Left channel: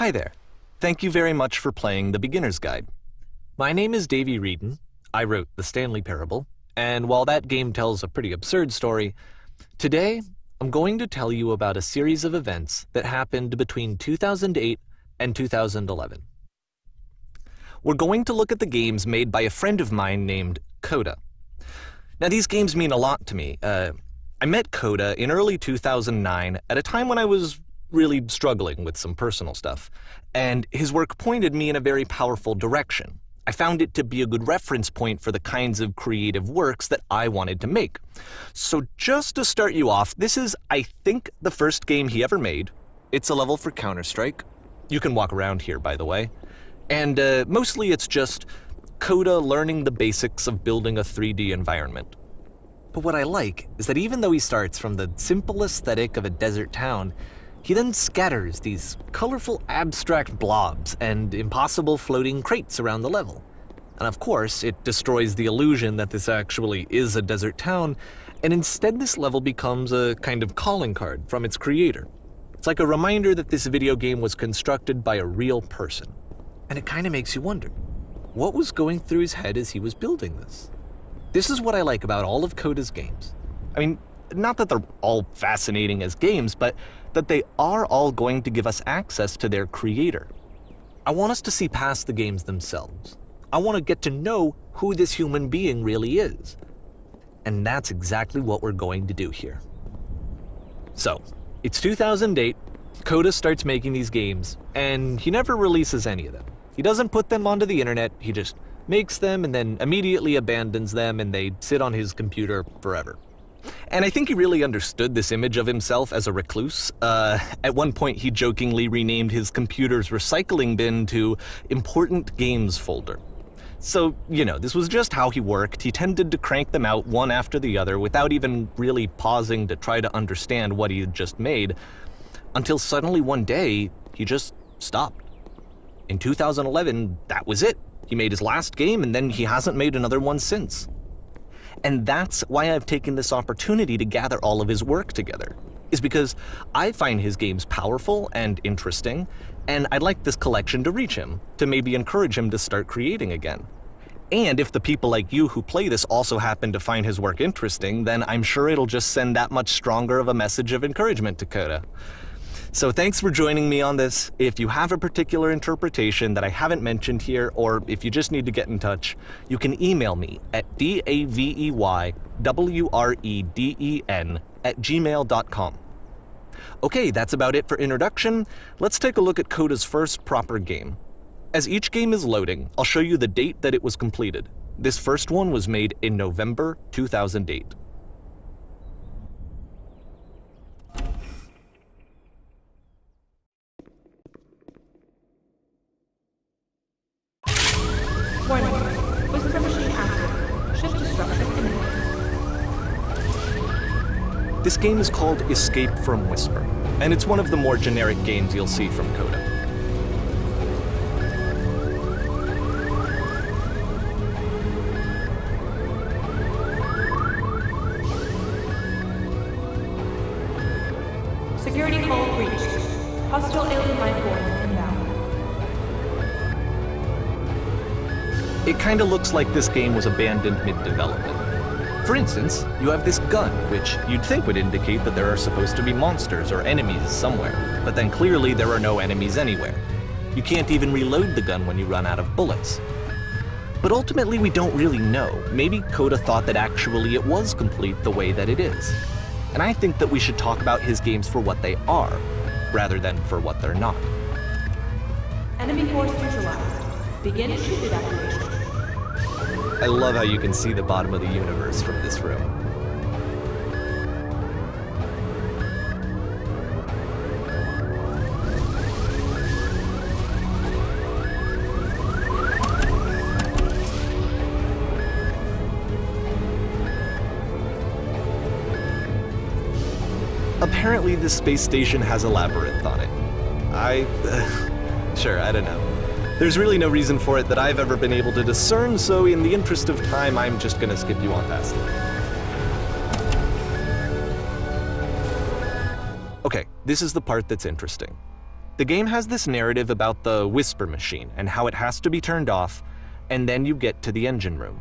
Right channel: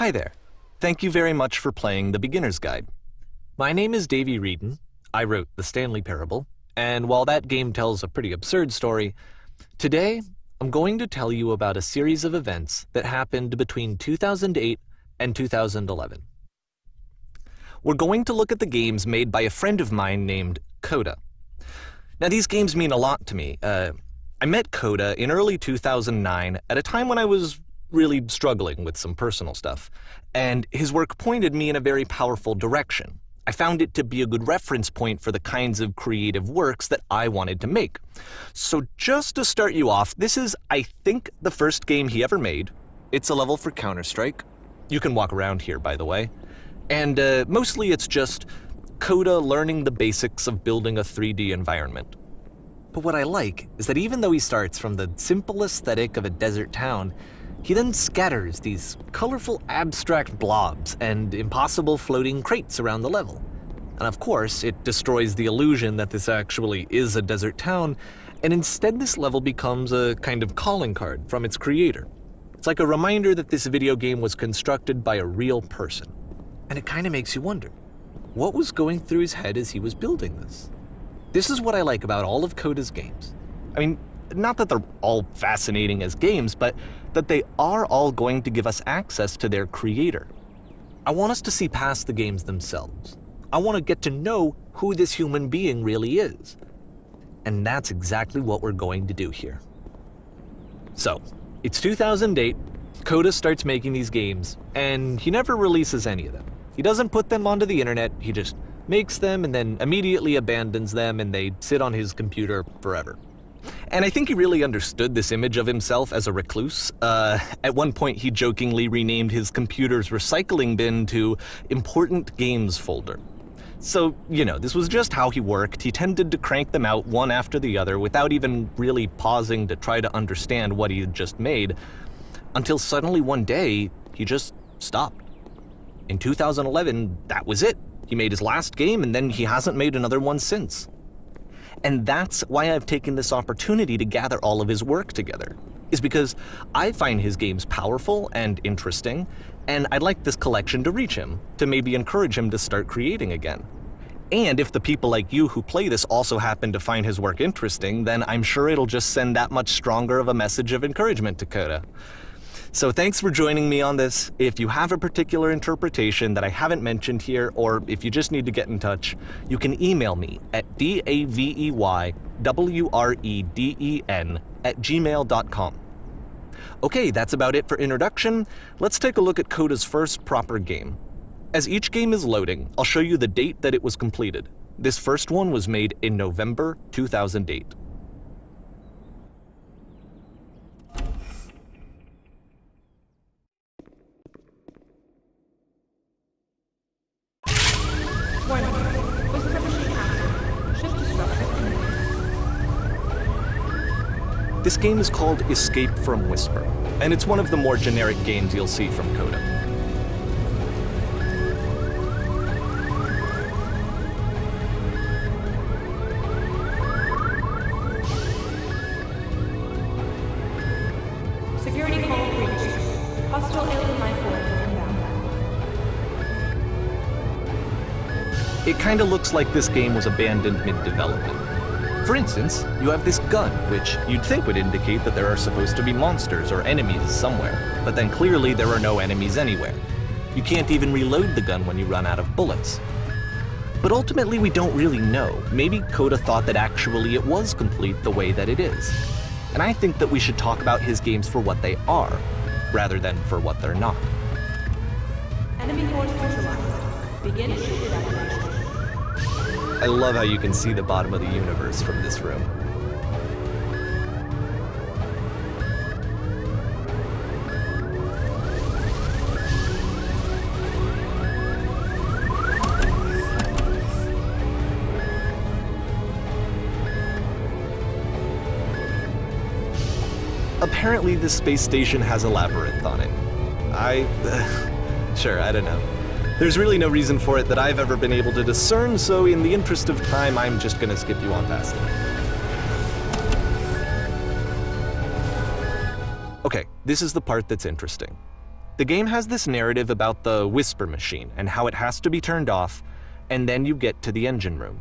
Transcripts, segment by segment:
Hi there. Thank you very much for playing The Beginner's Guide. My name is Davey Reedon. I wrote The Stanley Parable, and while that game tells a pretty absurd story, today I'm going to tell you about a series of events that happened between 2008 and 2011. We're going to look at the games made by a friend of mine named Coda. Now, these games mean a lot to me. I met Coda in early 2009 at a time when I was really struggling with some personal stuff, and his work pointed me in a very powerful direction. I found it to be a good reference point for the kinds of creative works that I wanted to make. So just to start you off, this is, I think, the first game he ever made. It's a level for Counter-Strike. You can walk around here, by the way. And mostly it's just Coda learning the basics of building a 3D environment. But what I like is that even though he starts from the simple aesthetic of a desert town, he then scatters these colorful abstract blobs and impossible floating crates around the level. And of course, it destroys the illusion that this actually is a desert town, and instead this level becomes a kind of calling card from its creator. It's like a reminder that this video game was constructed by a real person. And it kind of makes you wonder, what was going through his head as he was building this? This is what I like about all of Coda's games. I mean, not that they're all fascinating as games, but that they are all going to give us access to their creator. I want us to see past the games themselves. I want to get to know who this human being really is. And that's exactly what we're going to do here. So, it's 2008, Coda starts making these games, and he never releases any of them. He doesn't put them onto the internet, he just makes them and then immediately abandons them, and they sit on his computer forever. And I think he really understood this image of himself as a recluse. At one point, he jokingly renamed his computer's recycling bin to Important Games Folder. So, you know, this was just how he worked. He tended to crank them out one after the other without even really pausing to try to understand what he had just made, until suddenly one day, he just stopped. In 2011, that was it. He made his last game, and then he hasn't made another one since. And that's why I've taken this opportunity to gather all of his work together, is because I find his games powerful and interesting, and I'd like this collection to reach him, to maybe encourage him to start creating again. And if the people like you who play this also happen to find his work interesting, then I'm sure it'll just send that much stronger of a message of encouragement to Coda. So thanks for joining me on this. If you have a particular interpretation that I haven't mentioned here, or if you just need to get in touch, you can email me at daveywreden@gmail.com. Okay, that's about it for introduction. Let's take a look at Coda's first proper game. As each game is loading, I'll show you the date that it was completed. This first one was made in November 2008. Warning. Whisper machine active. Shift destruction imminent. This game is called Escape from Whisper, and it's one of the more generic games you'll see from Coda. Security call breached. Hostile alien life form inbound. It kinda looks like this game was abandoned mid-development. For instance, you have this gun, which you'd think would indicate that there are supposed to be monsters or enemies somewhere, but then clearly there are no enemies anywhere. You can't even reload the gun when you run out of bullets. But ultimately we don't really know. Maybe Coda thought that actually it was complete the way that it is. And I think that we should talk about his games for what they are, rather than for what they're not. Enemy force neutralized. Begin chute evacuation. I love how you can see the bottom of the universe from this room. Apparently this space station has a labyrinth on it. Sure, I don't know. There's really no reason for it that I've ever been able to discern, so in the interest of time, I'm just gonna skip you on past it. Okay, this is the part that's interesting. The game has this narrative about the whisper machine and how it has to be turned off, and then you get to the engine room.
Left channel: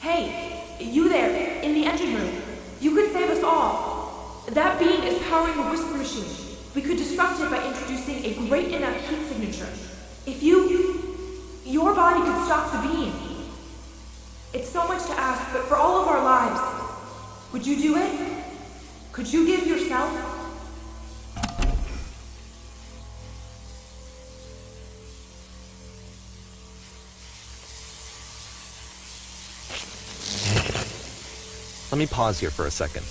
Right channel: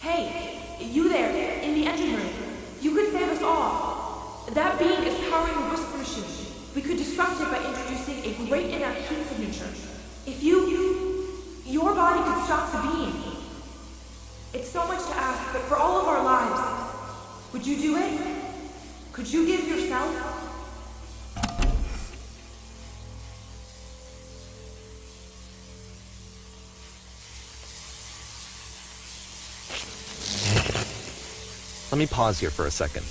Hey, you there, in the engine room. You could save us all. That beam is powering the whisper machine. We could disrupt it by introducing a great enough heat signature. If your body could stop the beam. It's so much to ask, but for all of our lives, would you do it? Could you give yourself? Let me pause here for a second.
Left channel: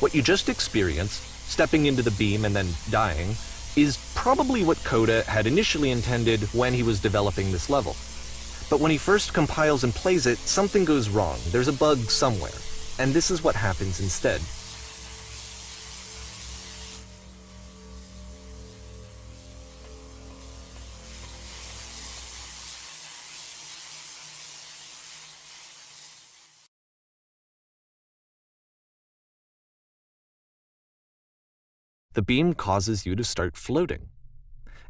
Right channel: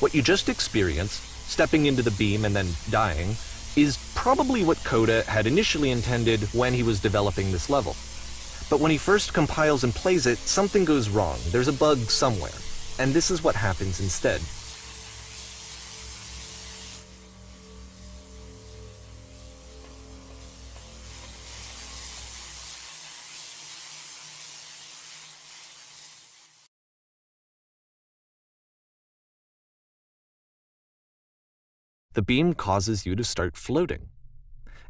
What you just experienced, stepping into the beam and then dying, is probably what Coda had initially intended when he was developing this level. But when he first compiles and plays it, something goes wrong. There's a bug somewhere. And this is what happens instead. The beam causes you to start floating.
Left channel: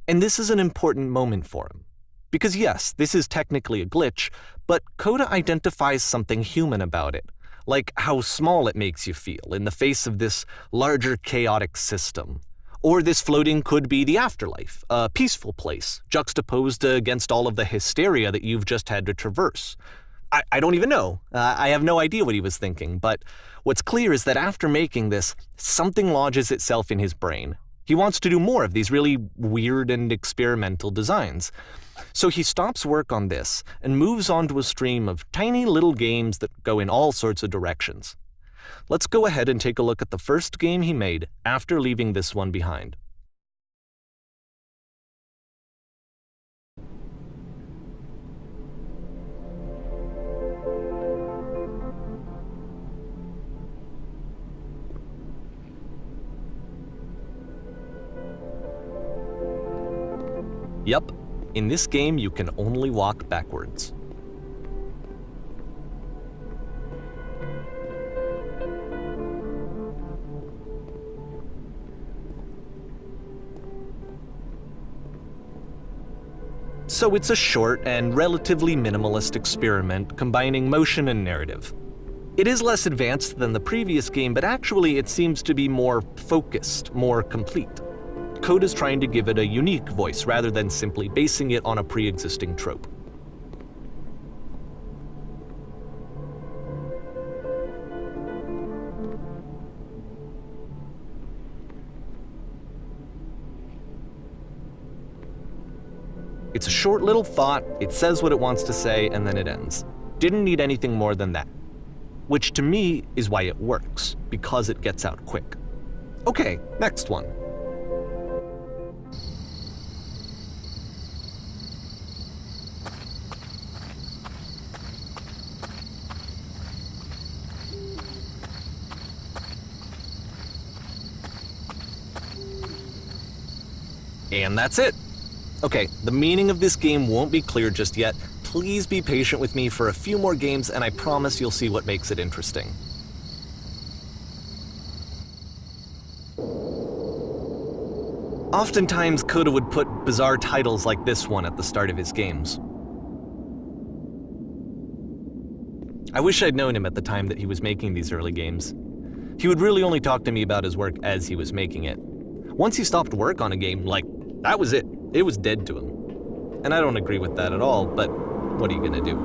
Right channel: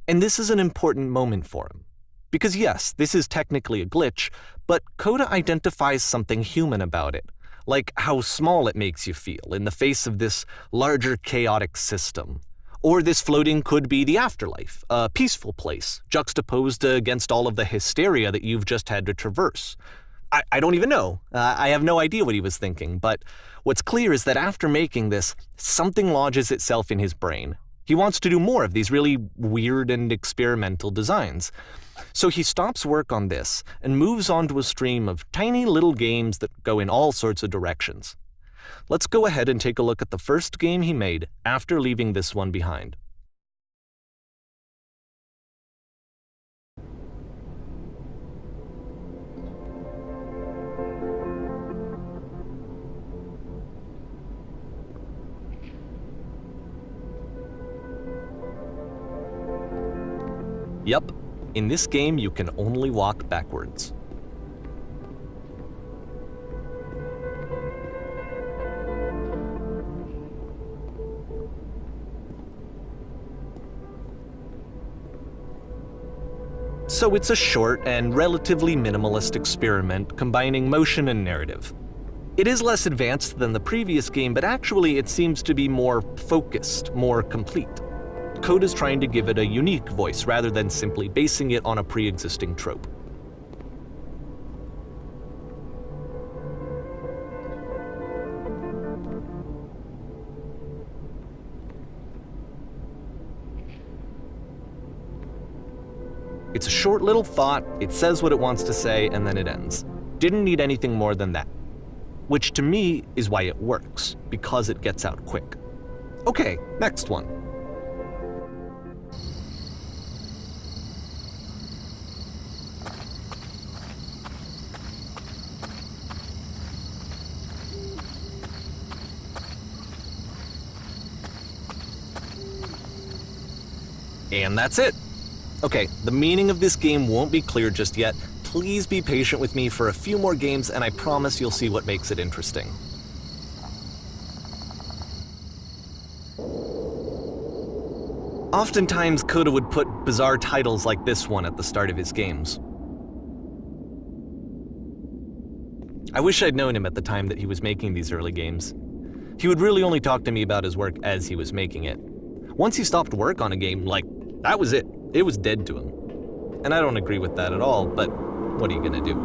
And this is an important moment for him. Because yes, this is technically a glitch, but Coda identifies something human about it, like how small it makes you feel in the face of this larger chaotic system. Or this floating could be the afterlife, a peaceful place, juxtaposed against all of the hysteria that you've just had to traverse. I don't even know. I have no idea what he was thinking, but what's clear is that after making this, something lodges itself in his brain. He wants to do more of these really weird and experimental designs. So he stops work on this and moves on to a stream of tiny little games that go in all sorts of directions. Let's go ahead and take a look at the first game he made after leaving this one behind. Yep, in this game you can only walk backwards. So it's a short and relatively minimalist experiment combining motion and narrative. It is less advanced than the previous game, but actually it seems to be more focused, more complete. Coda's trying to give it a unique voice rather than simply basing it on a pre-existing trope. It's a short little thought, it says what it wants to say, and then it ends. Didn't need anything more than that. Which to me is why it works, because it gets out quick. Okay, next one. And that's it. Okay, the meaning of this game won't be clear just yet. Please be patient with me for a few more games, and I promise you'll see what makes it interesting. Oftentimes, Coda would put bizarre titles like this one at the start of his games. I wish I'd known him at the time that he was making these early games. He would really only talk to me about his work as he was making it. Once he stopped work on a game, that was it. It was dead to him. And I don't agree with that at all, but what are you gonna do?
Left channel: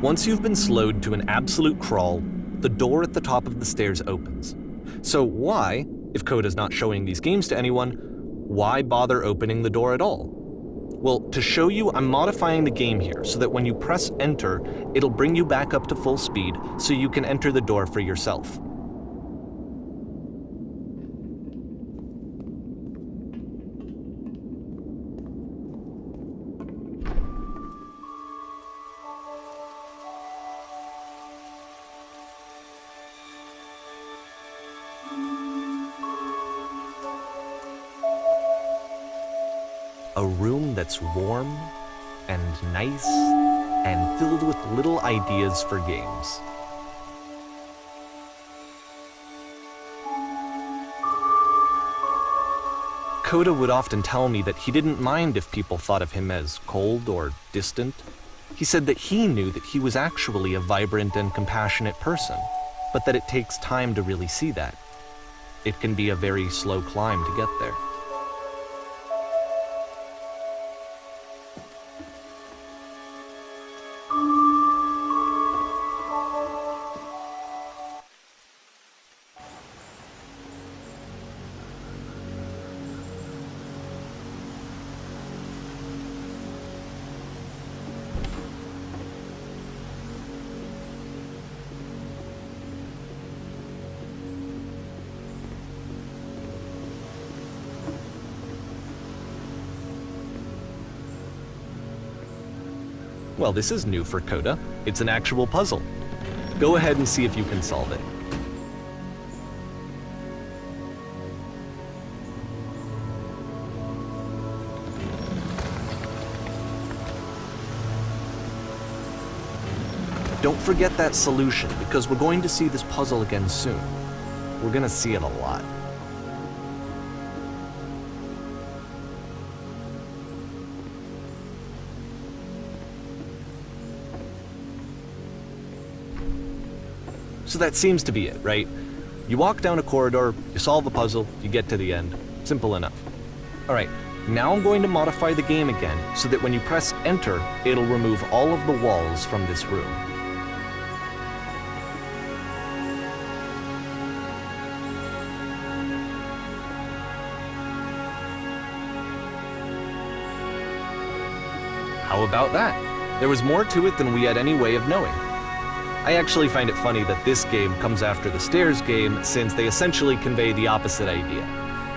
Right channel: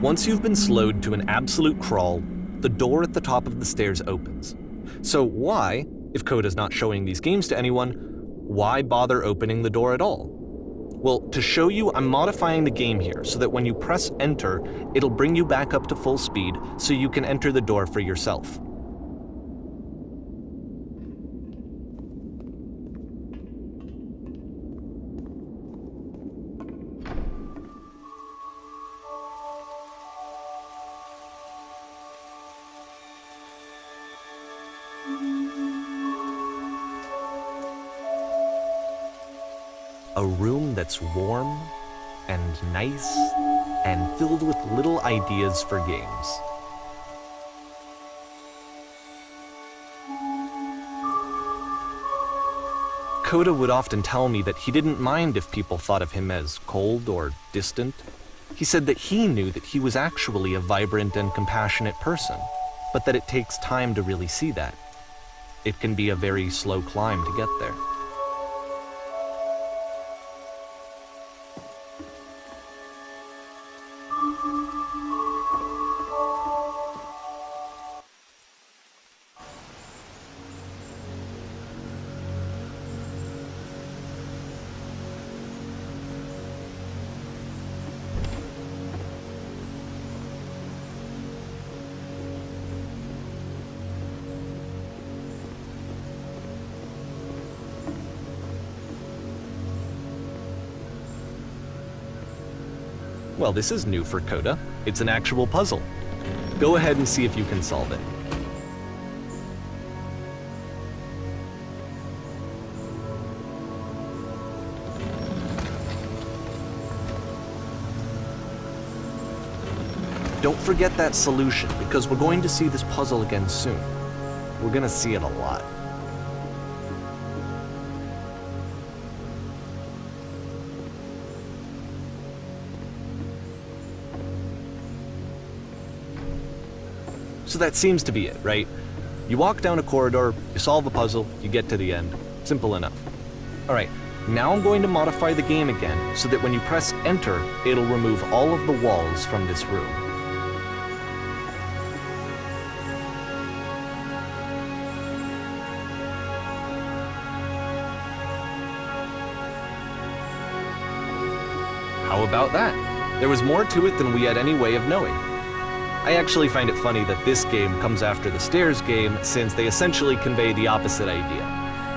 Once you've been slowed to an absolute crawl, the door at the top of the stairs opens. So why, if Coda's not showing these games to anyone, why bother opening the door at all? Well, to show you, I'm modifying the game here so that when you press enter, it'll bring you back up to full speed so you can enter the door for yourself. A room that's warm and nice and filled with little ideas for games. Coda would often tell me that he didn't mind if people thought of him as cold or distant. He said that he knew that he was actually a vibrant and compassionate person, but that it takes time to really see that. It can be a very slow climb to get there. Well, this is new for Coda. It's an actual puzzle. Go ahead and see if you can solve it. Don't forget that solution, because we're going to see this puzzle again soon. We're going to see it a lot. So that seems to be it, right? You walk down a corridor, you solve a puzzle, you get to the end. Simple enough. All right, now I'm going to modify the game again so that when you press enter, it'll remove all of the walls from this room. How about that? There was more to it than we had any way of knowing. I actually find it funny that this game comes after the Stairs game, since they essentially convey the opposite idea.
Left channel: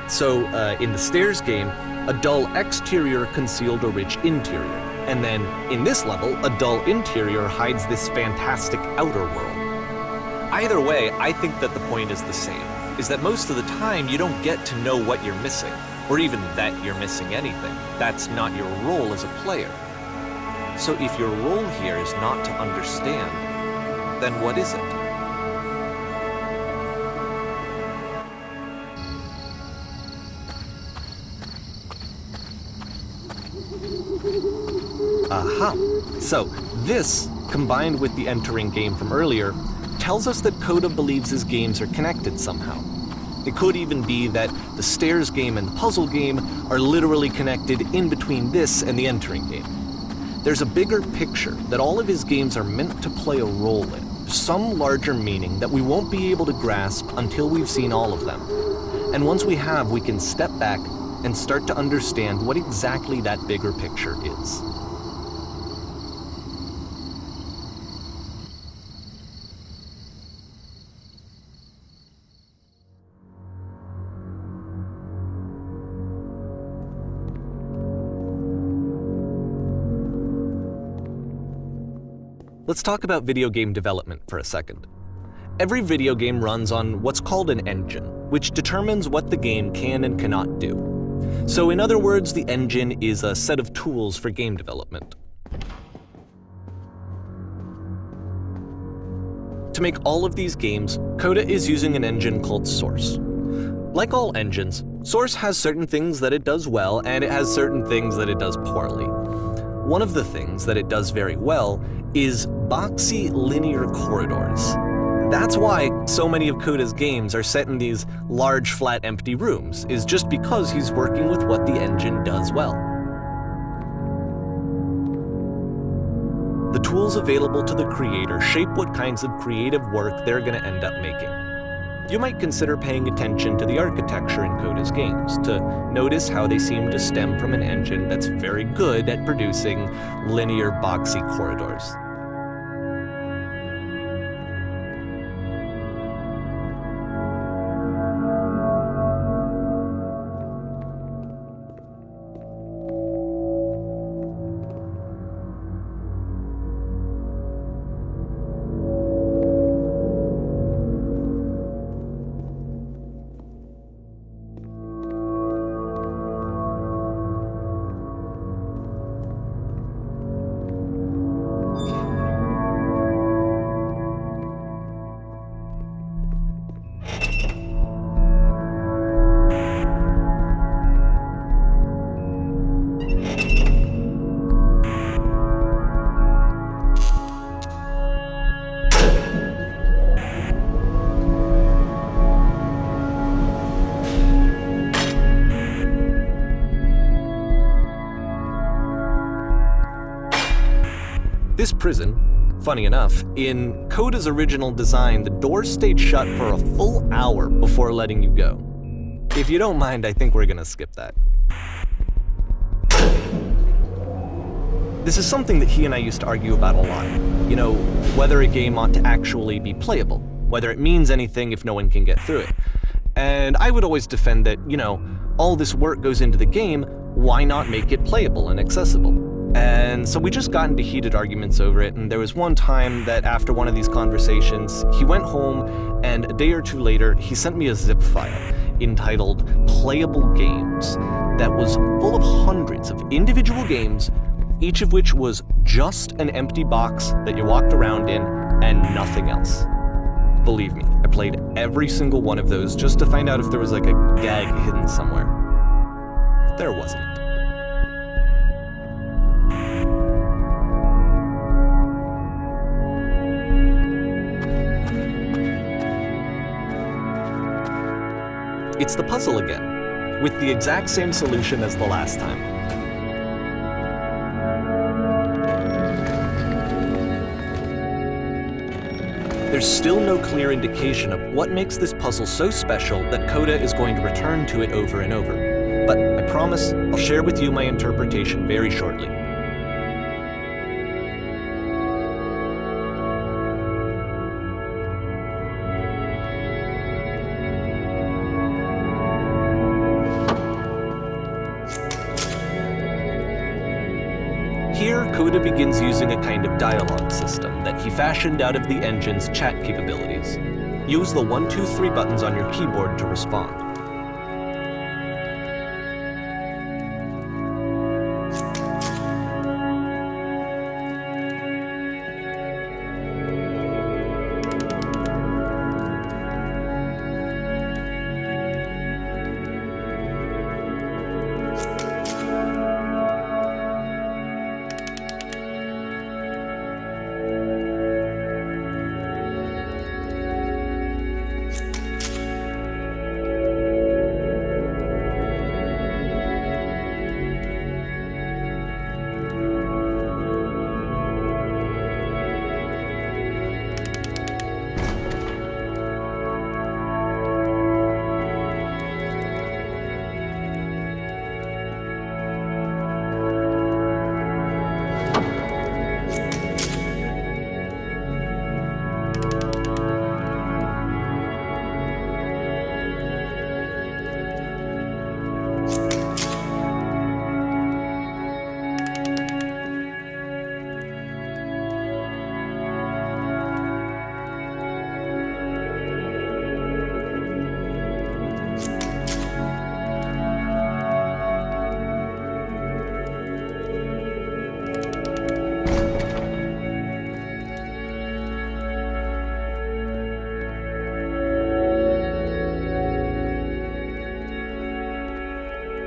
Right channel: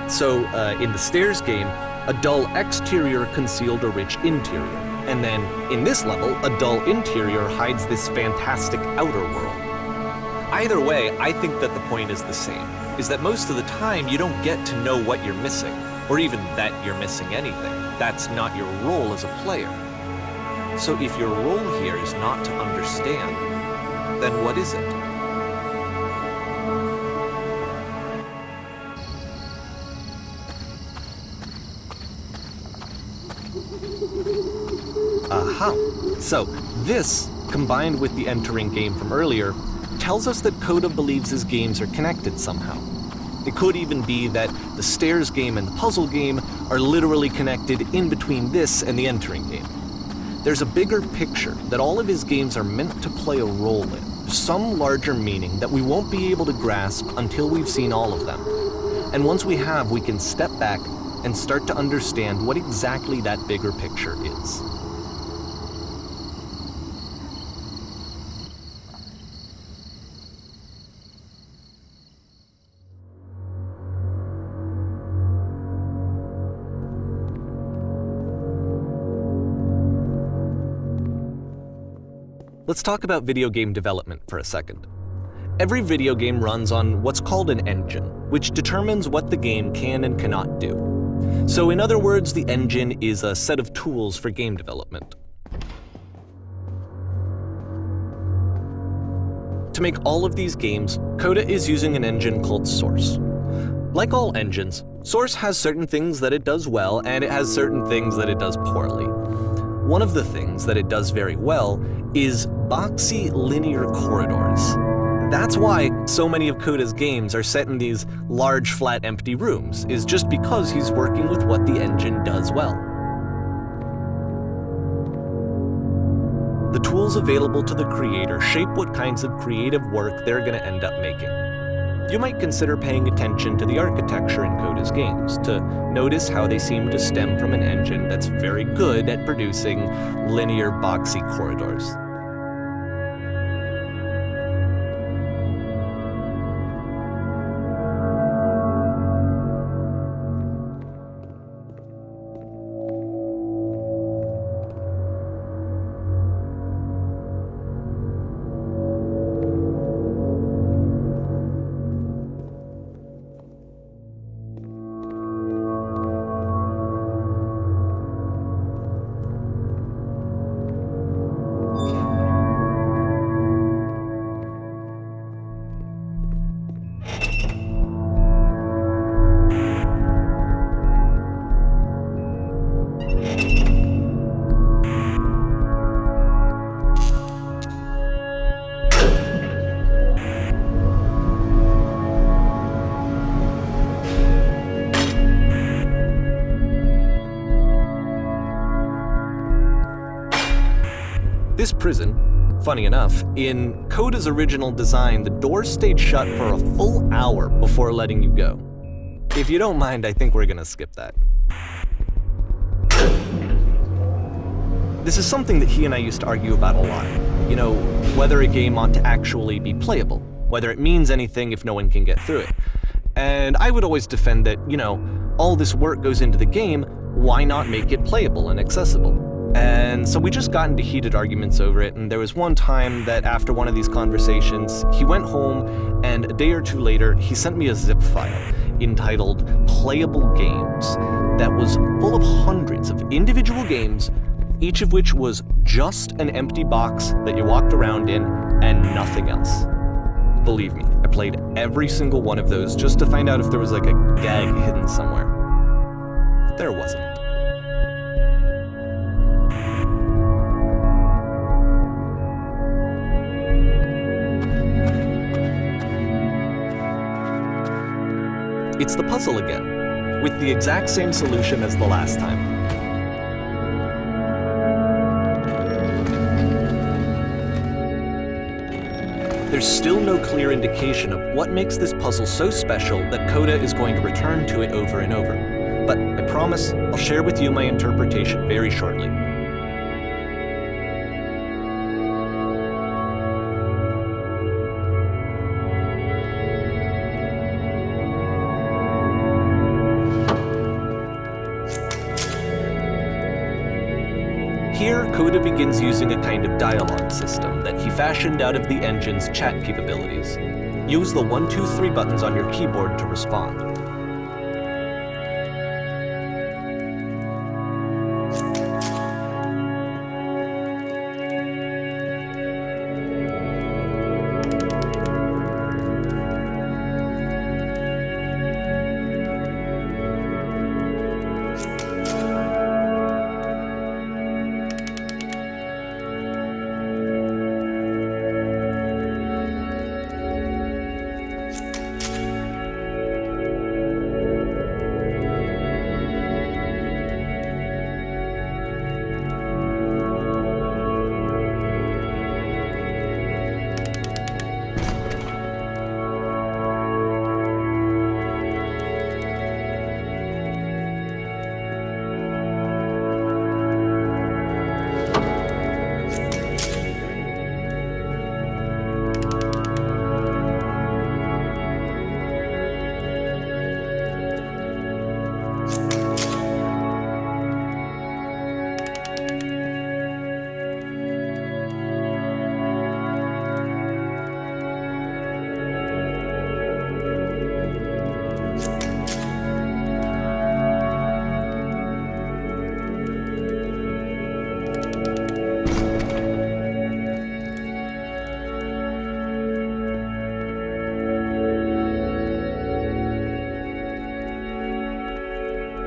So, in the Stairs game, a dull exterior concealed a rich interior. And then, in this level, a dull interior hides this fantastic outer world. Either way, I think that the point is the same, is that most of the time you don't get to know what you're missing, or even that you're missing anything. That's not your role as a player. So if your role here is not to understand, then what is it? Aha! So, this, combined with the entering game from earlier, tells us that Coda believes his games are connected somehow. It could even be that the Stairs game and the puzzle game are literally connected in between this and the entering game. There's a bigger picture that all of his games are meant to play a role in, some larger meaning that we won't be able to grasp until we've seen all of them. And once we have, we can step back and start to understand what exactly that bigger picture is. Let's talk about video game development for a second. Every video game runs on what's called an engine, which determines what the game can and cannot do. So in other words, the engine is a set of tools for game development. To make all of these games, Coda is using an engine called Source. Like all engines, Source has certain things that it does well, and it has certain things that it does poorly. One of the things that it does very well is boxy linear corridors. That's why so many of Coda's games are set in these large, flat, empty rooms, is just because he's working with what the engine does well. The tools available to the creator shape what kinds of creative work they're going to end up making. You might consider paying attention to the architecture in Coda's games to notice how they seem to stem from an engine that's very good at producing linear, boxy corridors. This prison, funny enough, in Coda's original design, the doors stayed shut for a full hour before letting you go. If you don't mind, I think we're gonna skip that. This is something that he and I used to argue about a lot. You know, whether a game ought to actually be playable, whether it means anything if no one can get through it. And I would always defend that, you know, all this work goes into the game, why not make it playable and accessible? And so we just got into heated arguments over it, and there was one time that after one of these conversations, he went home, and a day or two later, he sent me a zip file entitled Playable Games that was full of hundreds of individual games, each of which was just an empty box that you walked around in and nothing else. Believe me, I played every single one of those just to find out if there was like a gag hidden somewhere. There wasn't. It's the puzzle again, with the exact same solution as the last time. There's still no clear indication of what makes this puzzle so special that Coda is going to return to it over and over. But I promise I'll share with you my interpretation very shortly. Here, Coda begins using a kind of dialogue system that he fashioned out of the engine's chat capabilities. Use the 1, 2, 3 buttons on your keyboard to respond.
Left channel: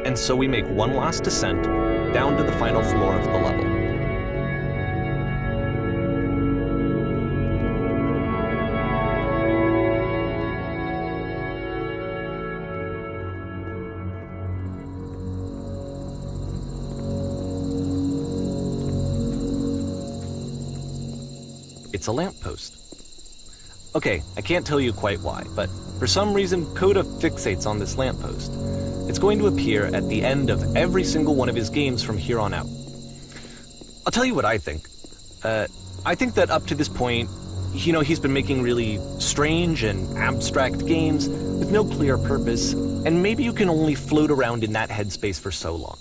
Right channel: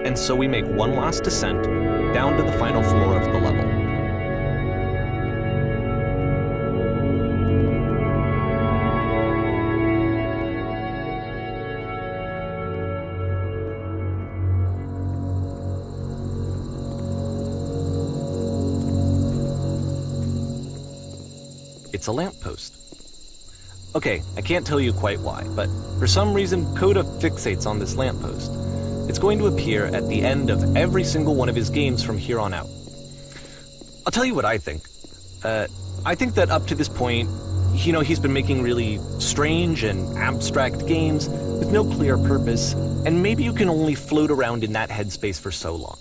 And so we make one last descent down to the final floor of the level. It's a lamppost. Okay, I can't tell you quite why, but for some reason Coda fixates on this lamppost. It's going to appear at the end of every single one of his games from here on out. I'll tell you what I think. I think that up to this point, you know, he's been making really strange and abstract games with no clear purpose, and maybe you can only float around in that headspace for so long.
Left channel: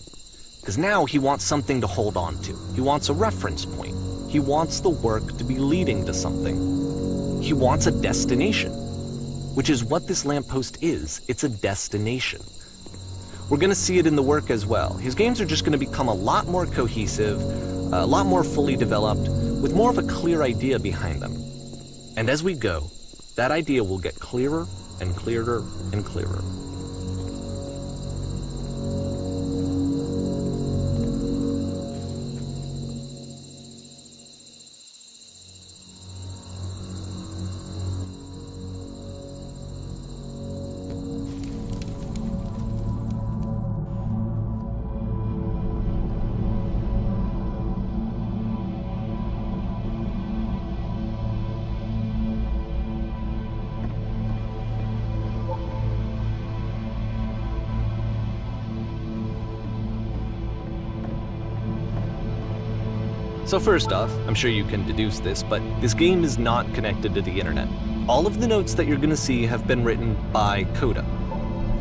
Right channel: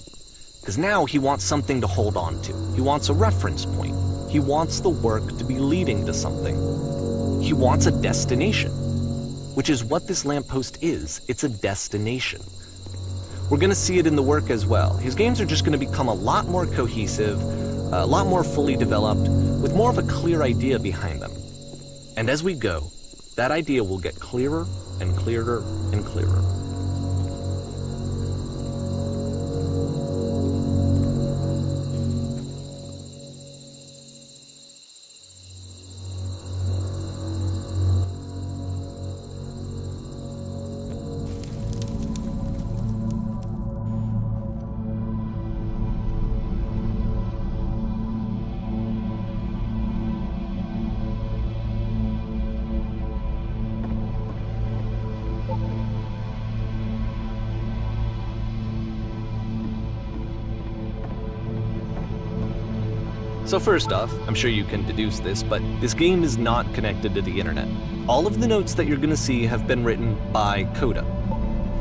Because now he wants something to hold on to. He wants a reference point. He wants the work to be leading to something. He wants a destination, which is what this lamppost is. It's a destination. We're going to see it in the work as well. His games are just going to become a lot more cohesive, a lot more fully developed, with more of a clear idea behind them. And as we go, that idea will get clearer and clearer and clearer. So first off, I'm sure you can deduce this, but this game is not connected to the internet. All of the notes that you're gonna see have been written by Coda.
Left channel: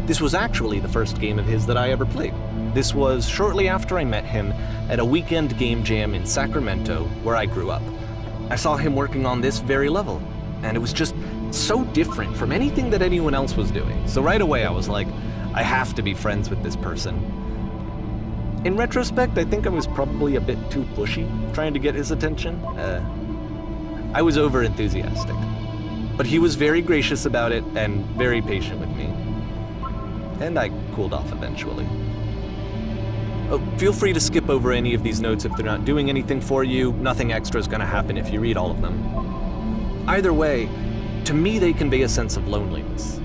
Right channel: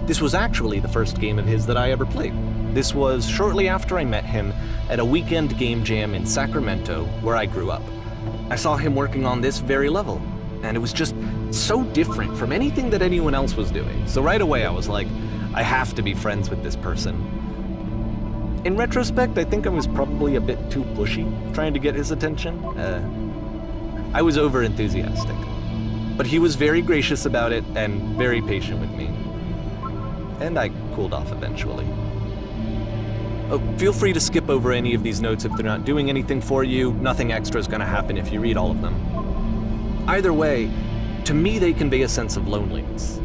This was actually the first game of his that I ever played. This was shortly after I met him at a weekend game jam in Sacramento, where I grew up. I saw him working on this very level, and it was just so different from anything that anyone else was doing. So right away I was like, I have to be friends with this person. In retrospect, I think I was probably a bit too pushy, trying to get his attention. I was over-enthusiastic. But he was very gracious about it and very patient with me. And I cooled off eventually. Oh, feel free to skip over any of these notes if they're not doing anything for you. Nothing extra is going to happen if you read all of them. Either way, to me they convey a sense of loneliness.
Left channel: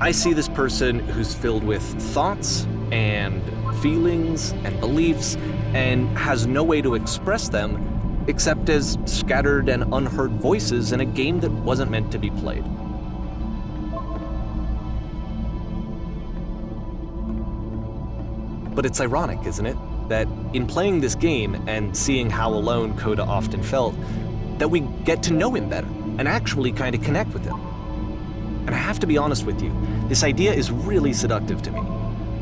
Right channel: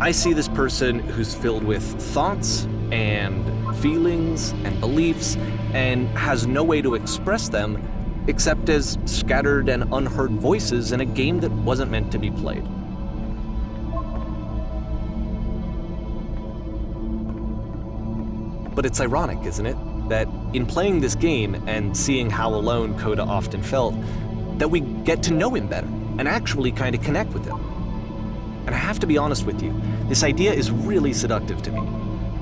I see this person who's filled with thoughts and feelings and beliefs and has no way to express them except as scattered and unheard voices in a game that wasn't meant to be played. But it's ironic, isn't it, that in playing this game and seeing how alone Coda often felt, that we get to know him better and actually kind of connect with him. And I have to be honest with you, this idea is really seductive to me.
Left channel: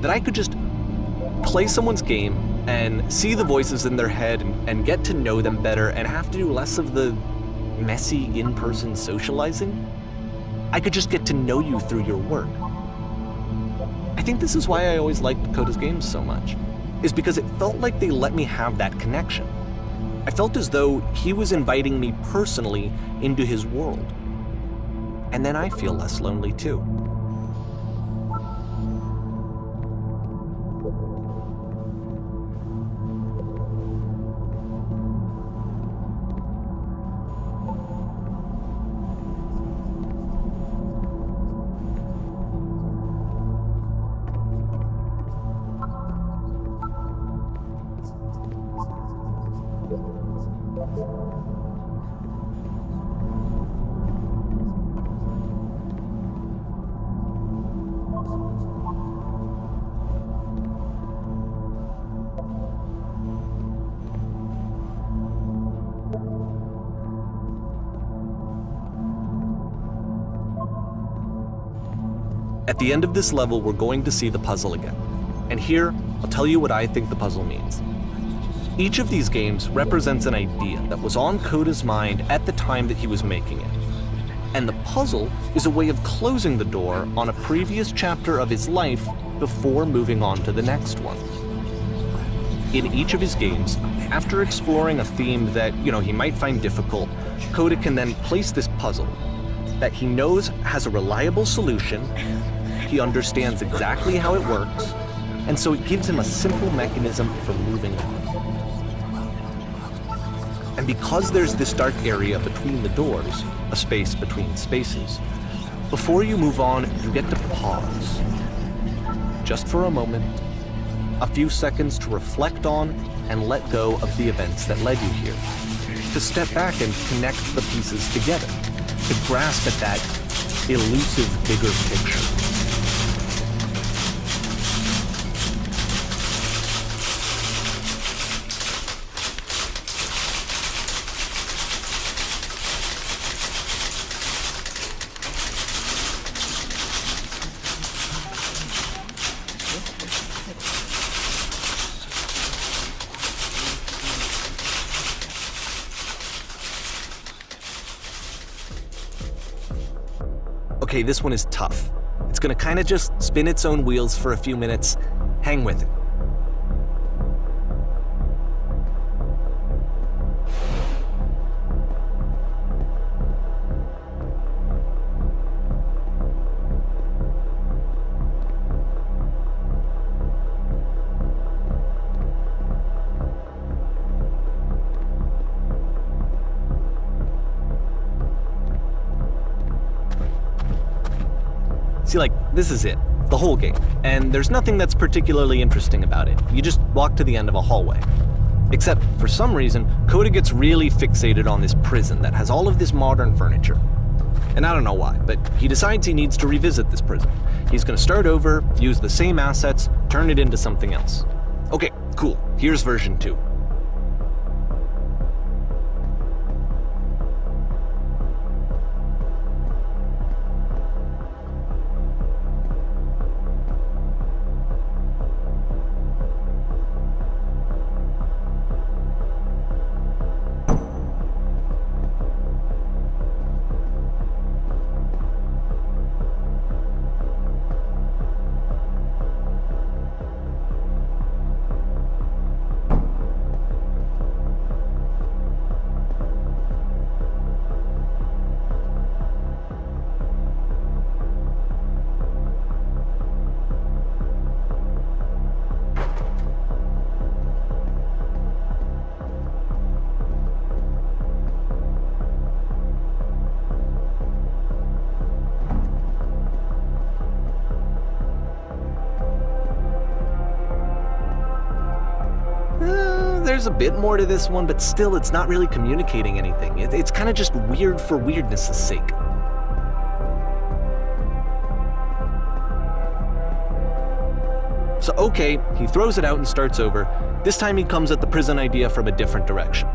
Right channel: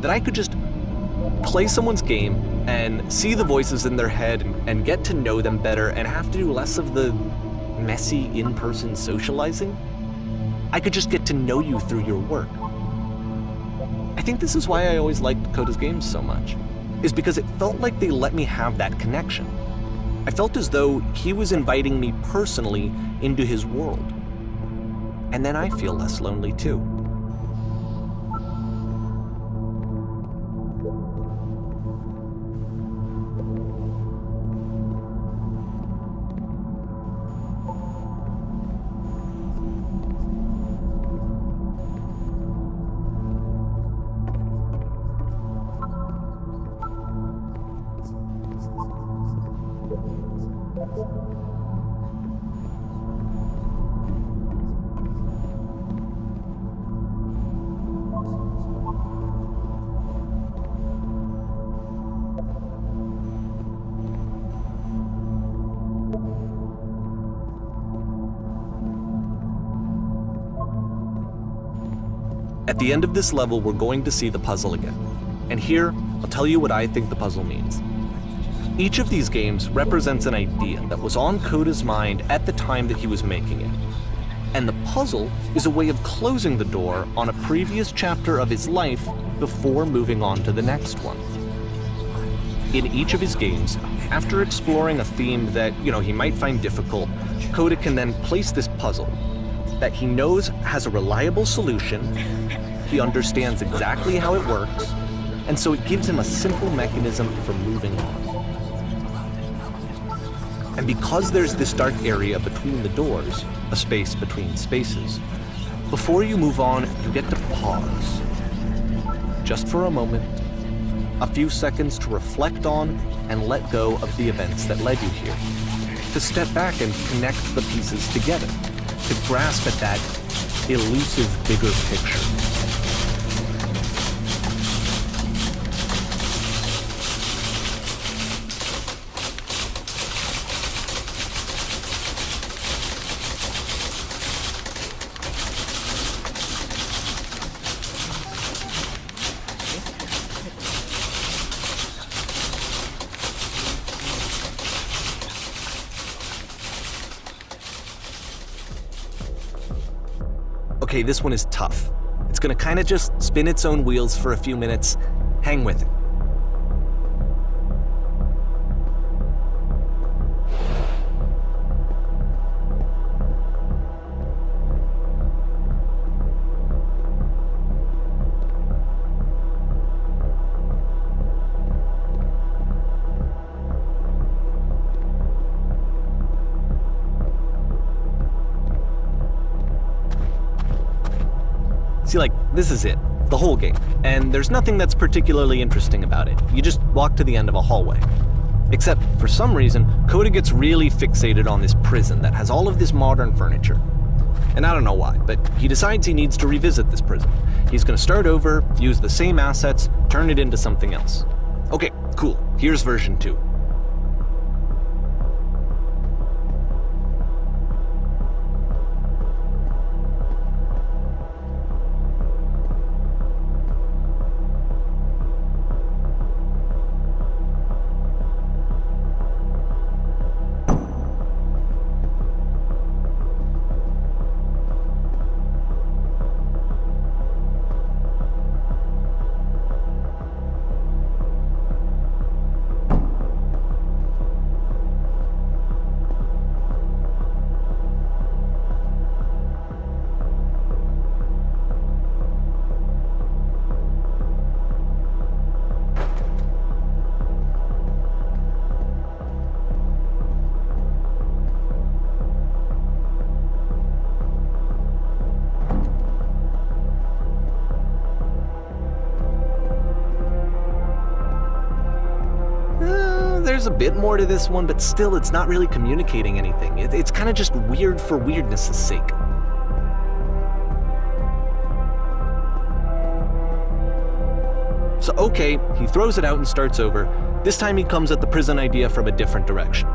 That I could just play someone's game and see the voices in their head and get to know them better and have to do less of the messy in-person socializing. I could just get to know you through your work. I think this is why I always liked Coda's games so much, is because it felt like they let me have that connection. I felt as though he was inviting me personally into his world. And then I feel less lonely too. At the end of this level, we're going to see the puzzle again. And here, I'll tell you what I think the puzzle means. Each of these games represents an idea that was on Coda's mind at the time that he was making it. And the puzzle is a way of closing the door on a previous chapter of his life before moving on to the next one. In each of his games, after exploring a theme that, he might find difficult, Coda can then place this puzzle that he knows has a reliable solution, he understands exactly how it works, and so it gives him a simple mechanism for moving on. And because there's this dark area between the doors, a space between spaces, before you move on, you get to pause. Just for a moment, a few seconds to reflect on and let go of the events that led you here. To step back and connect the pieces together. To grasp at that elusive bigger picture. Okay, this one is tough. It's gonna kind of just spin its own wheels for a few minutes. Hang with it. See, this is it, the whole game, and there's nothing that's particularly interesting about it. You just walk to the end of a hallway. Except, for some reason, Coda gets really fixated on this prison that has all of this modern furniture. And I don't know why, but he decides he needs to revisit this prison. He's gonna start over, use the same assets, turn it into something else. Okay, cool, here's version 2. there's a bit more to this one, but still it's not really communicating anything. It's kind of just weird for weirdness' sake. So okay, he throws it out and starts over. This time he comes at the prison idea from a different direction.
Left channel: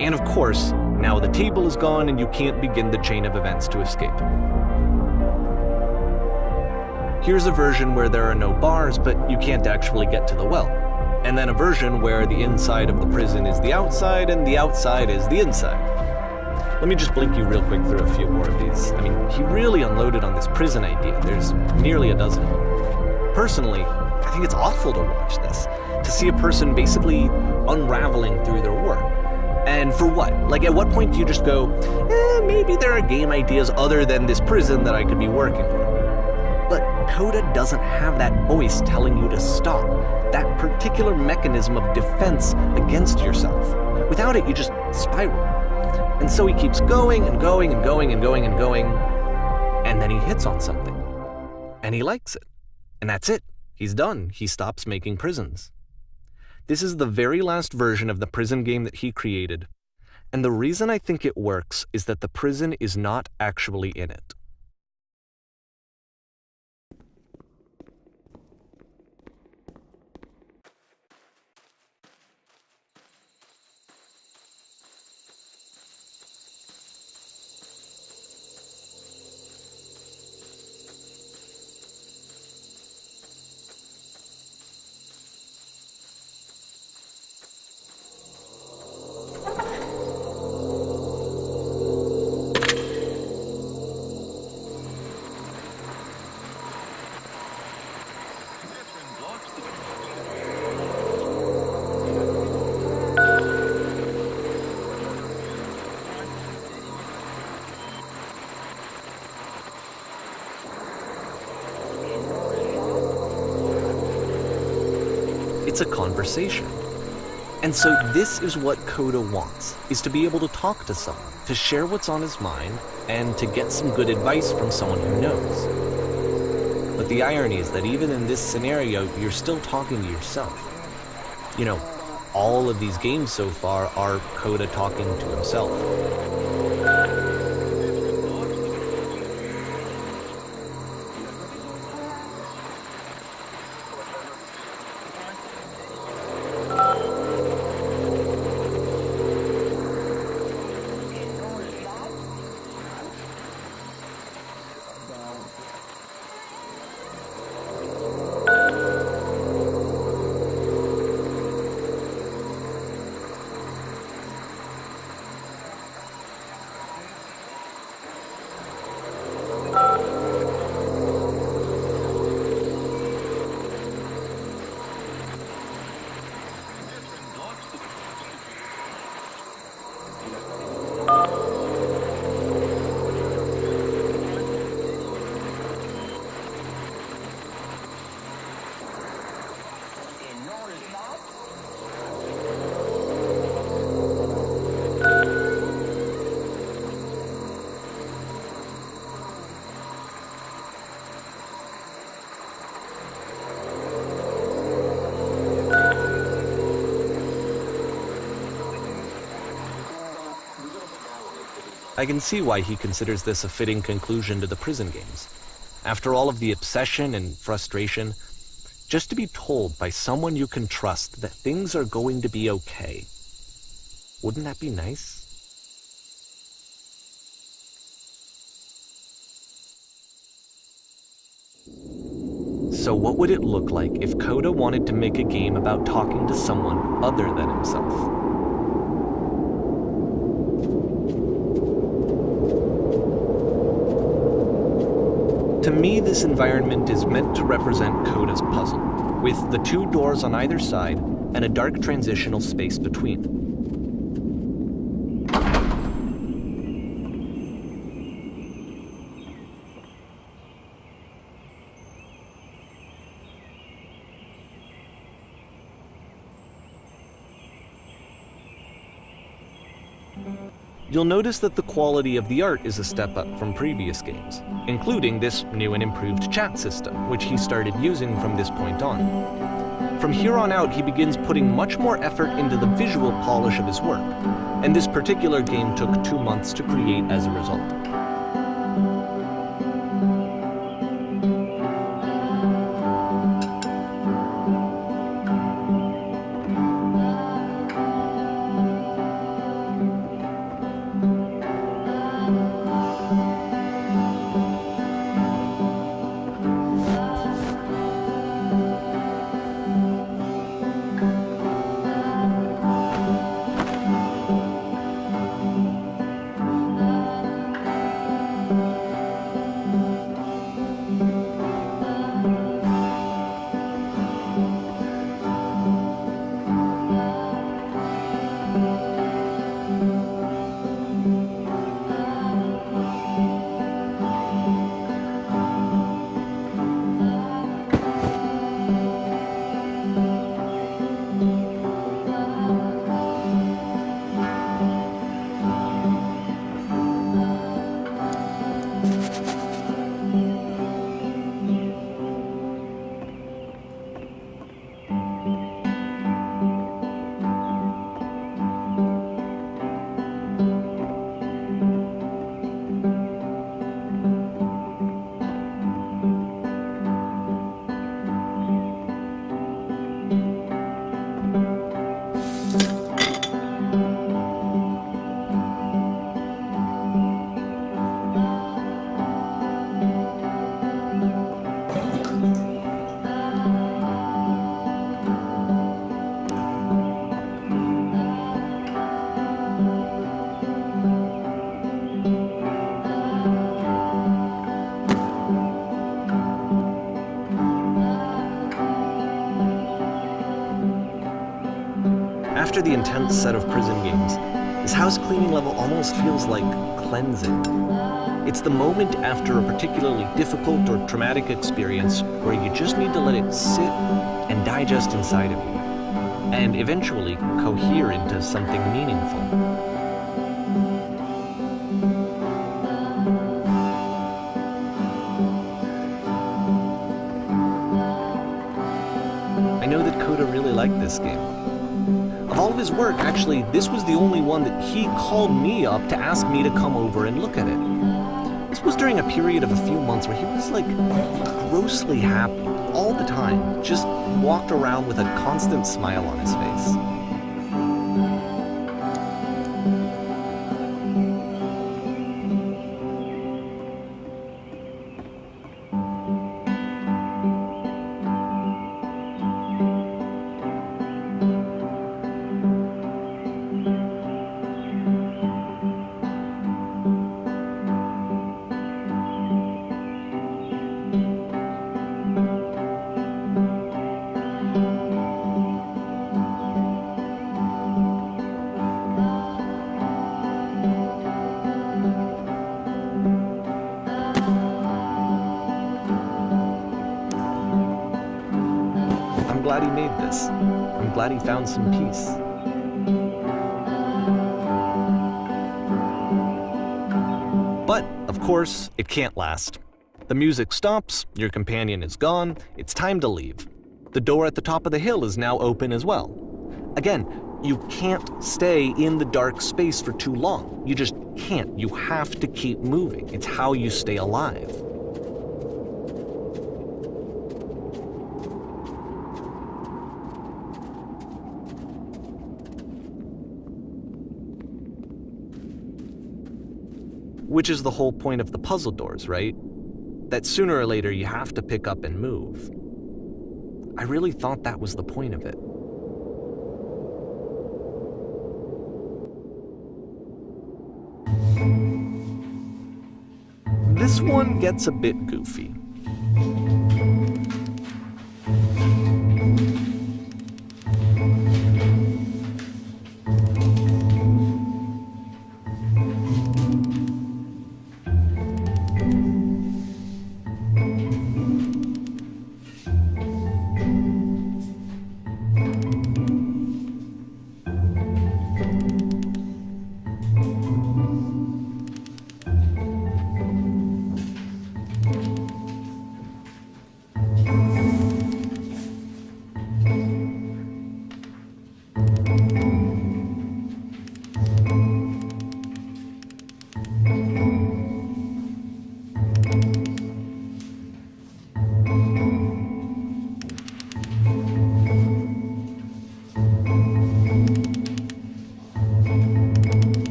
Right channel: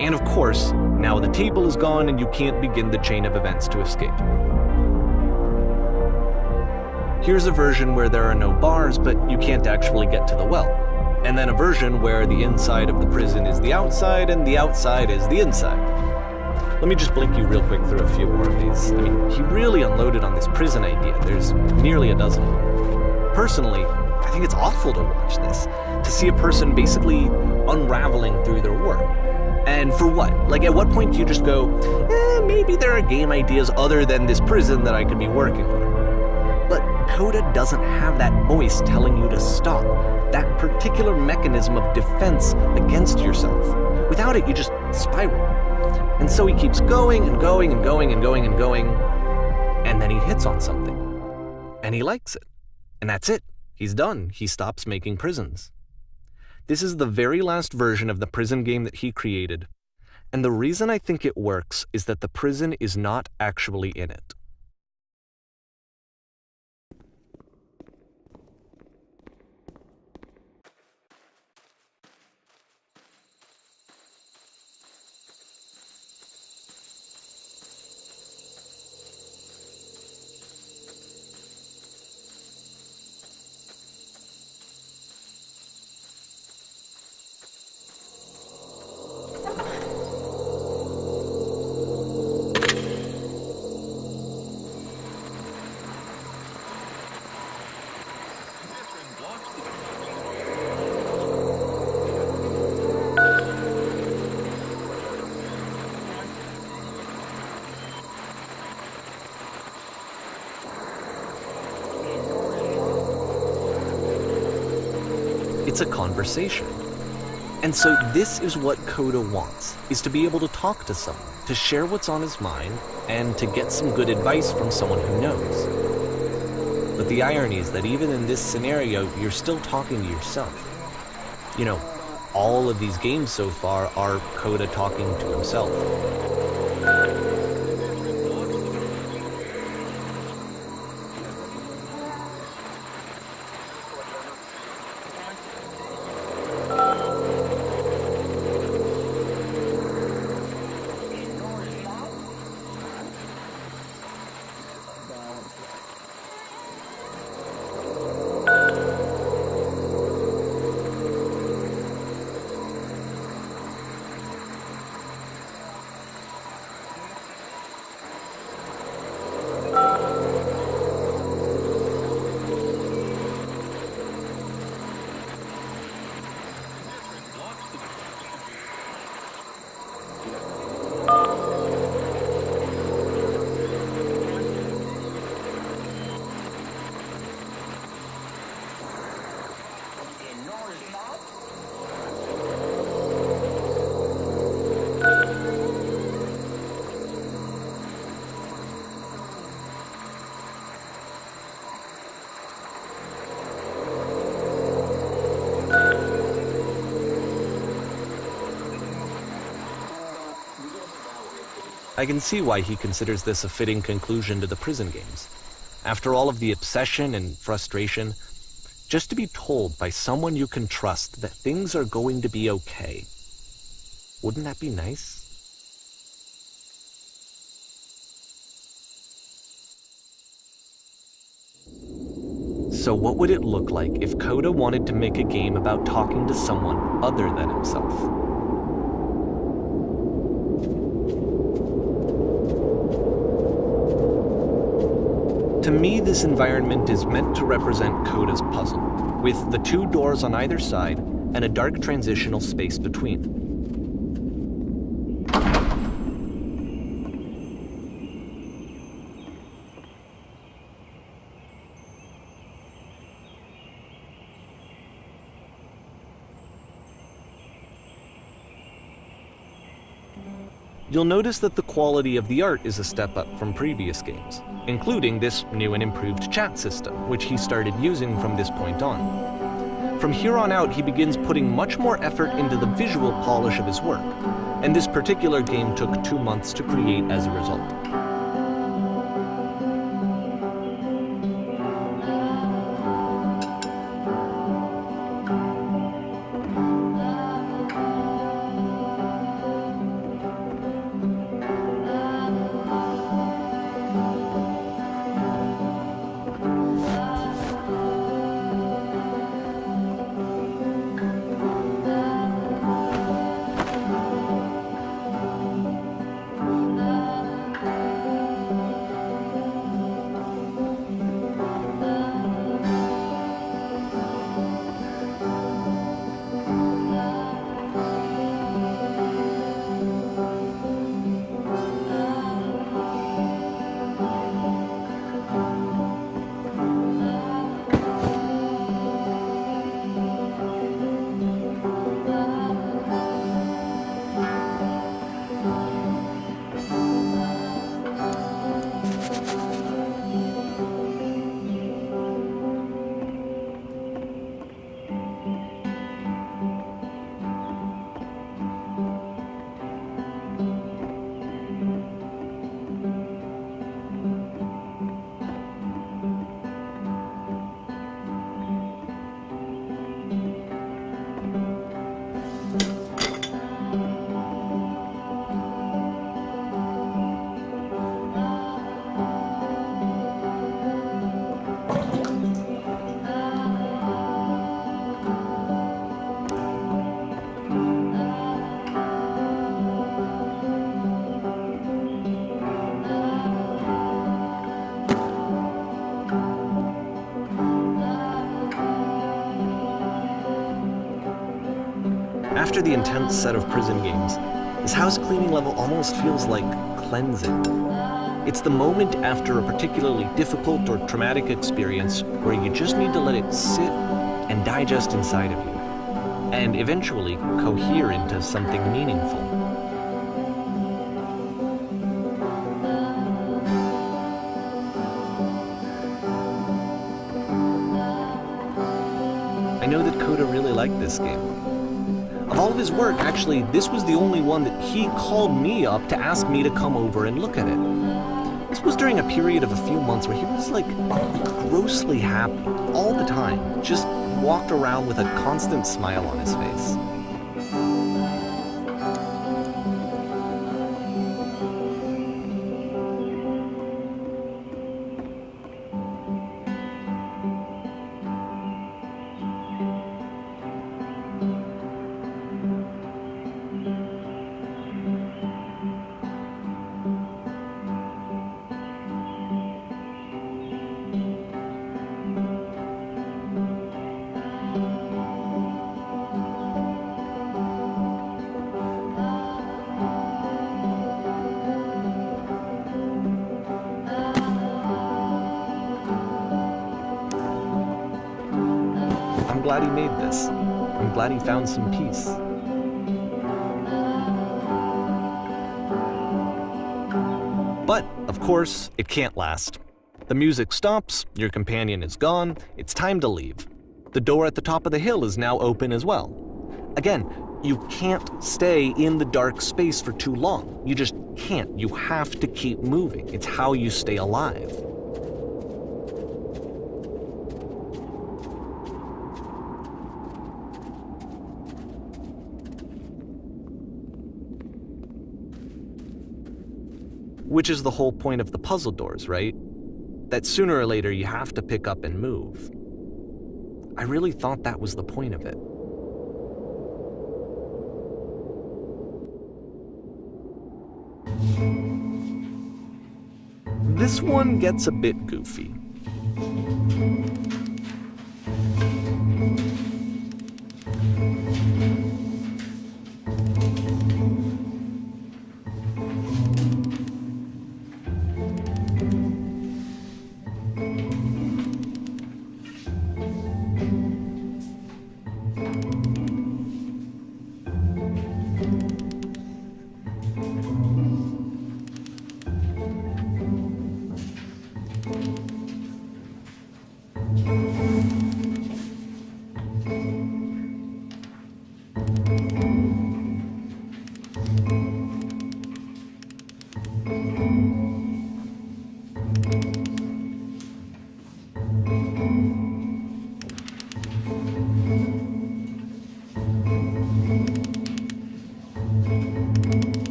And of course, now the table is gone and you can't begin the chain of events to escape. Here's a version where there are no bars, but you can't actually get to the well. And then a version where the inside of the prison is the outside and the outside is the inside. Let me just blink you real quick through a few more of these. I mean, he really unloaded on this prison idea. There's nearly a dozen of them. Personally, I think it's awful to watch this, to see a person basically unraveling through their work. And for what? Like, at what point do you just go, maybe there are game ideas other than this prison that I could be working on? But Coda doesn't have that voice telling you to stop, that particular mechanism of defense against yourself. Without it, you just spiral. And so he keeps going and going and going and going and going, and then he hits on something. And he likes it. And that's it. He's done. He stops making prisons. This is the very last version of the prison game that he created, and the reason I think it works is that the prison is not actually in it. It's a conversation. And so this is what Coda wants, is to be able to talk to someone, to share what's on his mind, and to get some good advice from someone who knows. But the irony is that even in this scenario, you're still talking to yourself. You know, all of these games so far are Coda talking to himself. I can see why he considers this a fitting conclusion to the prison games. After all of the obsession and frustration, just to be told by someone you can trust that things are going to be okay. Wouldn't that be nice? So what would it look like if Coda wanted to make a game about talking to someone other than himself? To me, this environment is meant to represent Coda's puzzle, with the two doors on either side and a dark transitional space between. You'll notice that the quality of the art is a step up from previous games, including this new and improved chat system, which he started using from this point on. From here on out, he begins putting much more effort into the visual polish of his work, and this particular game took 2 months to create as a result. After the intense set of prison games, this house cleaning level almost feels like cleansing. It's the moment after a particularly difficult or traumatic experience where you just need to let it sit and digest inside of you, and eventually cohere into something meaningful. I know that Coda really liked this game. Of all of his work, actually, this was the only one that he called me up to ask me to come over and look at it. This was during a period of a few months where he was like grossly happy all the time, just walked around with a constant smile on his face. I'm glad he made this. I'm glad he found some peace. But, of course, it can't last. The music stops, your companion is gone, it's time to leave. The door at the top of the hill is now open as well. Again, you can't stay in the dark space for too long. You just can't. You have to keep moving. It's how you stay alive. Which is the whole point of the puzzle doors, right? That sooner or later you have to pick up and move. I really thought that was the point of it. This one gets a bit goofy.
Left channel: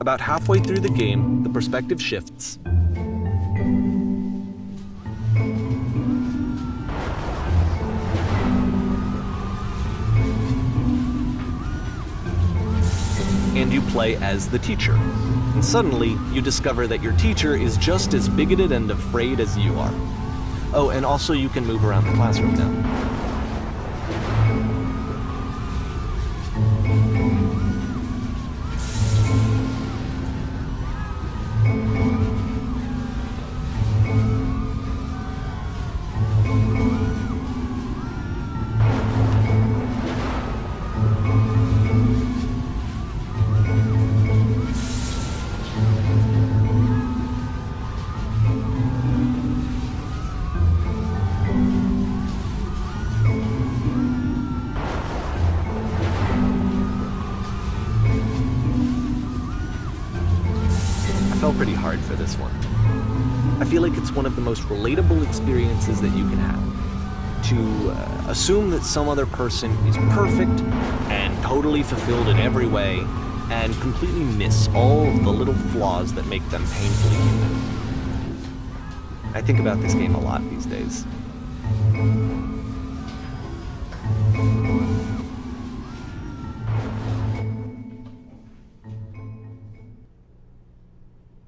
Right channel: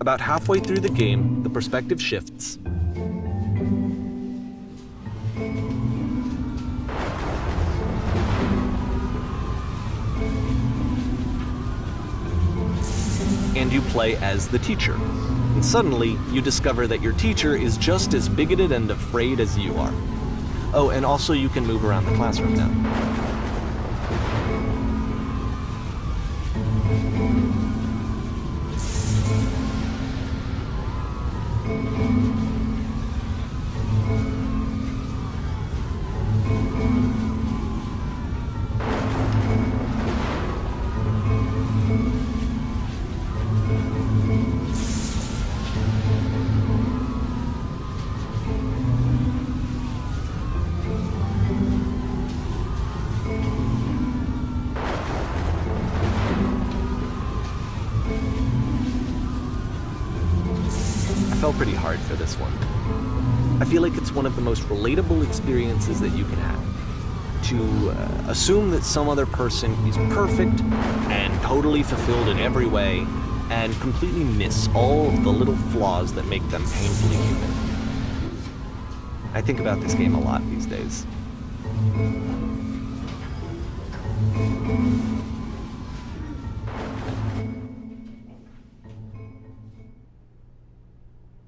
About halfway through the game, the perspective shifts. And you play as the teacher. And suddenly, you discover that your teacher is just as bigoted and afraid as you are. Oh, and also you can move around the classroom now. I fell pretty hard for this one. I feel like it's one of the most relatable experiences that you can have. To assume that some other person is perfect and totally fulfilled in every way, and completely miss all of the little flaws that make them painfully human. I think about this game a lot these days.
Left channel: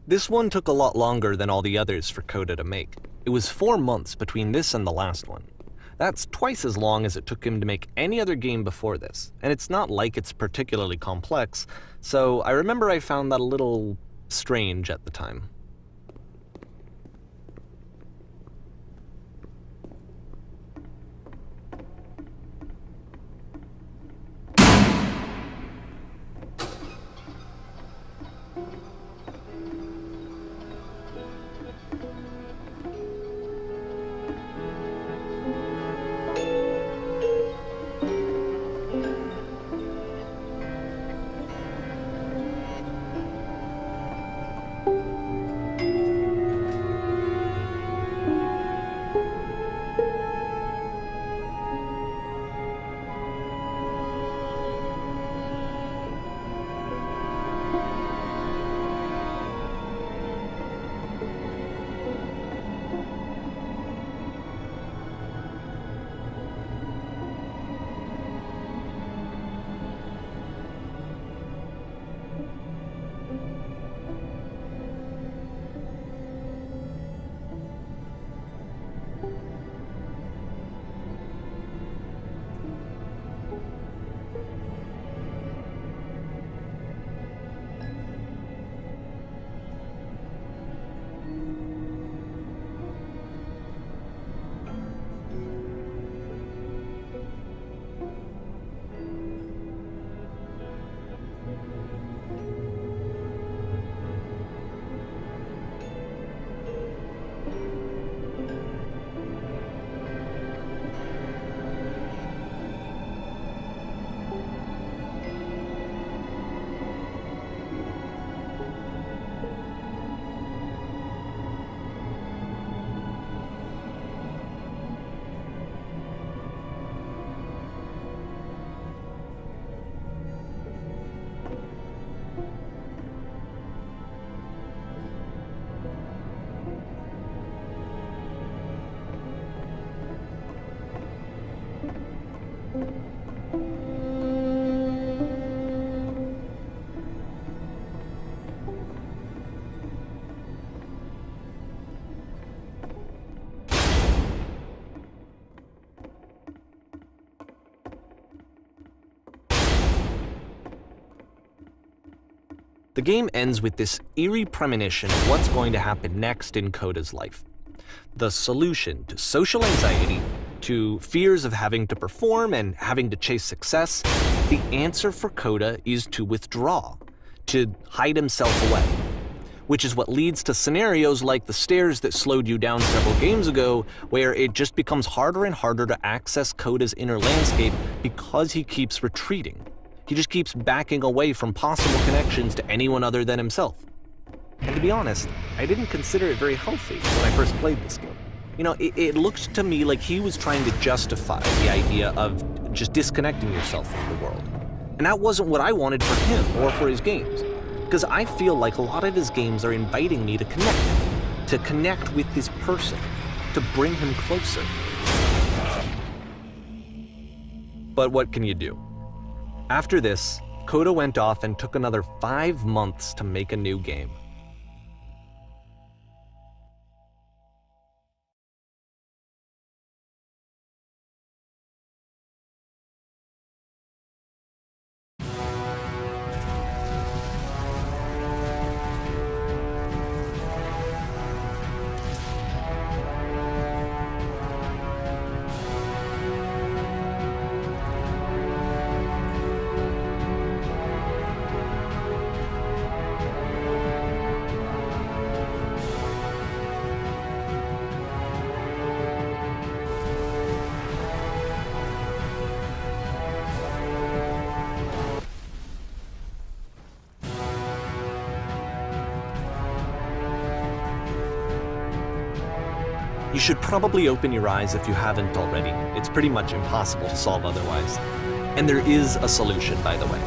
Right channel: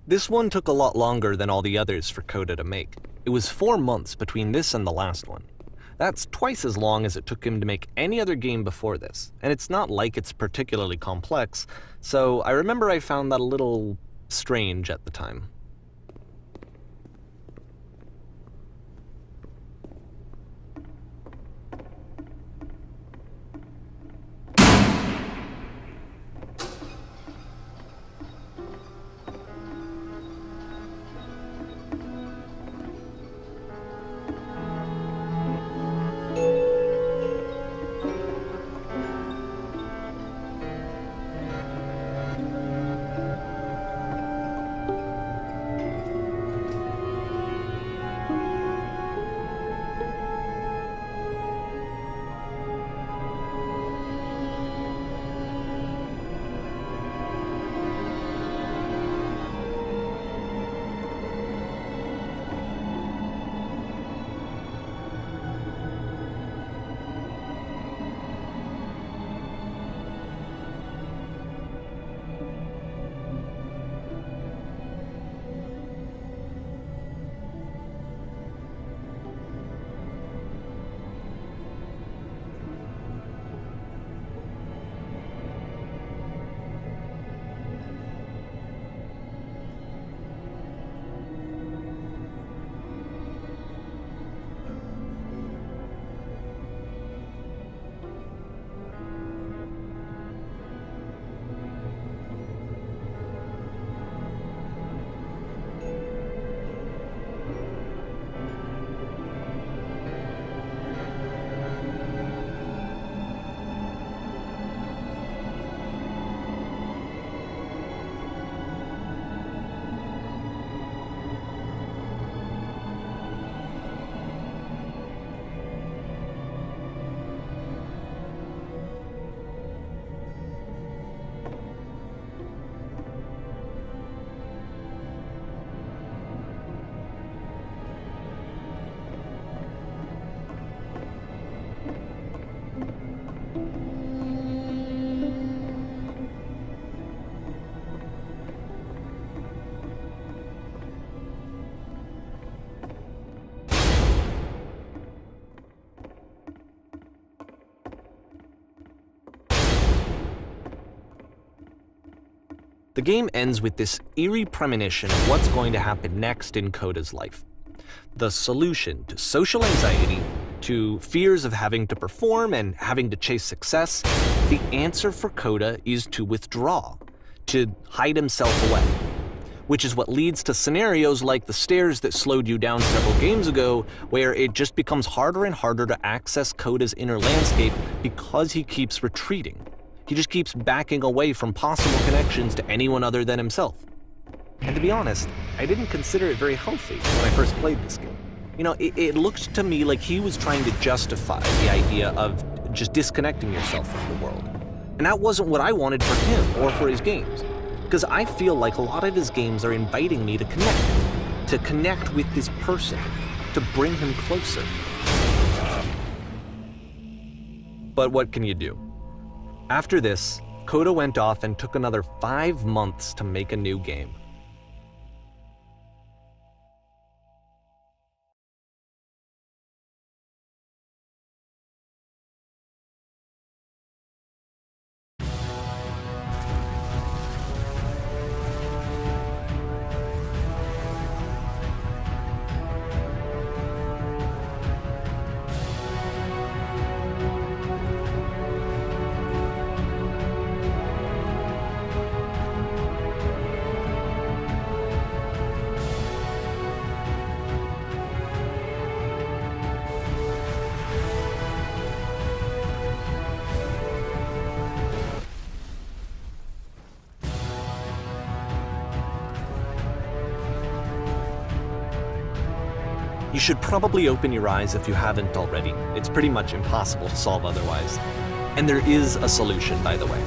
This one took a lot longer than all the others for Coda to make. It was 4 months between this and the last one. That's twice as long as it took him to make any other game before this, and it's not like it's particularly complex, so I remember I found that a little strange at the time. The game ends with this eerie premonition of what's going to happen next in Coda's life. The solution to social anxiety, to fears of having to perform and having to chase success, the answer for Coda is to withdraw, to hide himself away. Which is what leads to scenarios like the stairs that slowed you down several games ago, where it just becomes harder and harder to access Coda's inner landscape because he keeps retreating. He just keeps backing away from possible connections to anyone other than himself. And to be honest, I didn't consider it very healthy when I first played this game. It looked to me like he was trying to justify the idea of just disconnecting yourself from the world. And that wasn't what I wanted for him or for his games. Because I feel like a lot of his games are inviting me to connect with this person, to bring him closer. But what can you do? After this, Coda went off and took another 5 months to make a new game. You should probably open your eyes if you haven't already. It's pretty much impossible to solve otherwise. And there is a solution, by the way.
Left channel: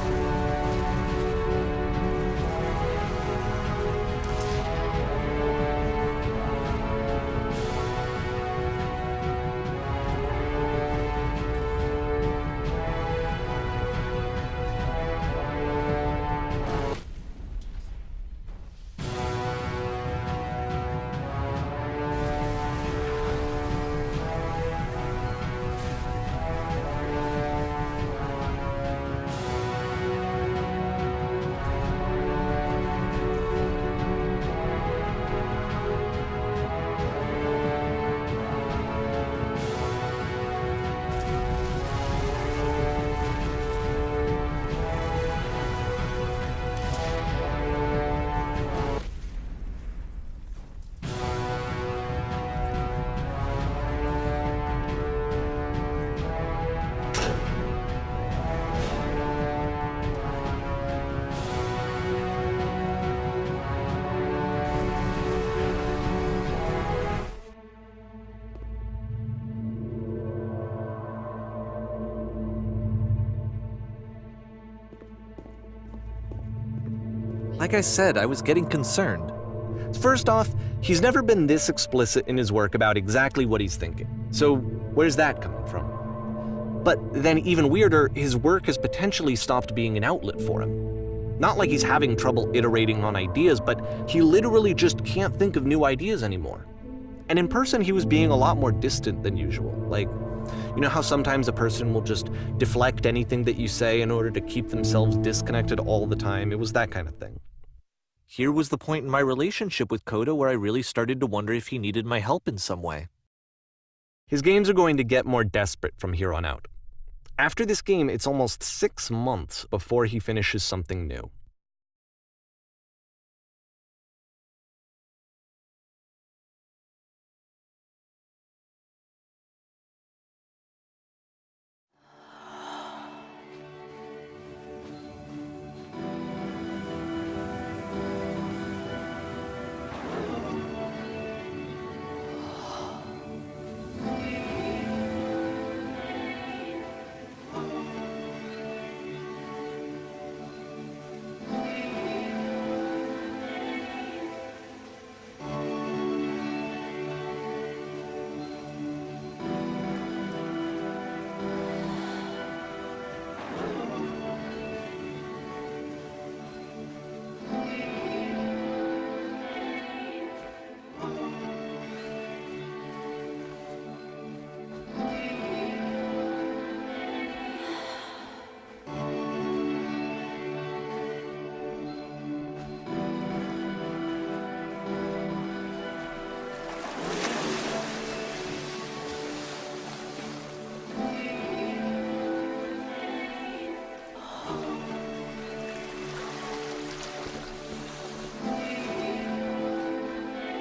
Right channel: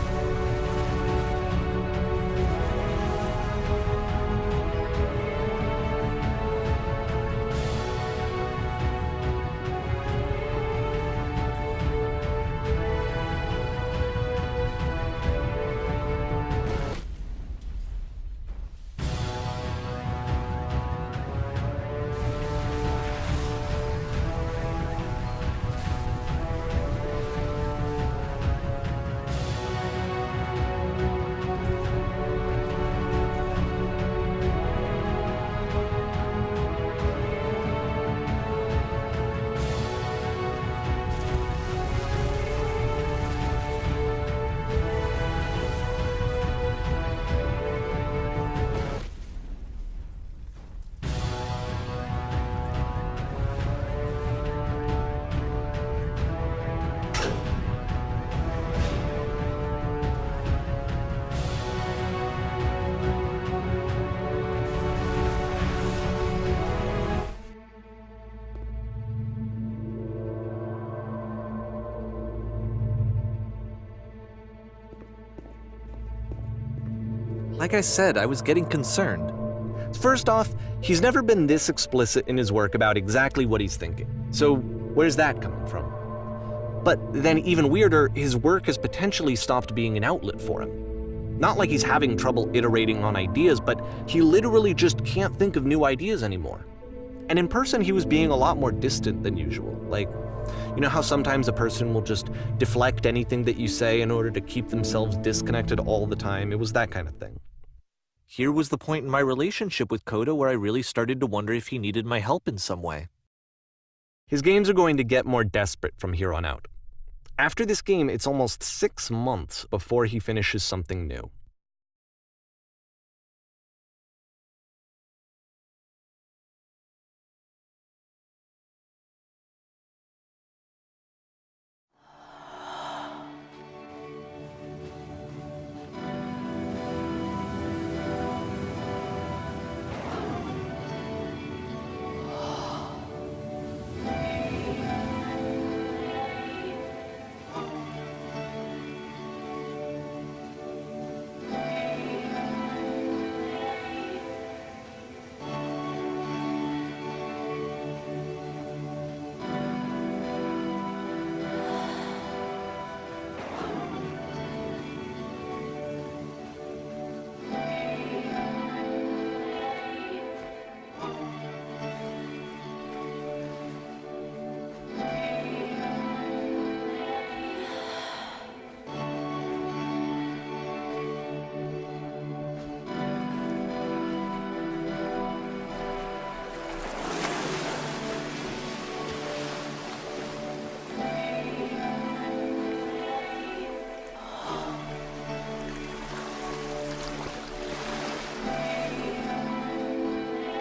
Like I said, I was getting concerned. First off, he's never been this explicit in his work about exactly what he's thinking. So where's that coming from? But then even weirder, his work has potentially stopped being an outlet for him. Not like he's having trouble iterating on ideas, but he literally just can't think of new ideas anymore. And in person, he was being a lot more distant than usual. Like, you know how sometimes a person will just deflect anything that you say in order to keep themselves disconnected all the time? It was that kind of thing. Here was the point in my relationship with Coda where I really started to wonder if he needed my help in some way. His games are going to get more desperate from here on out. After this game, it's almost 6 months before he finishes something new.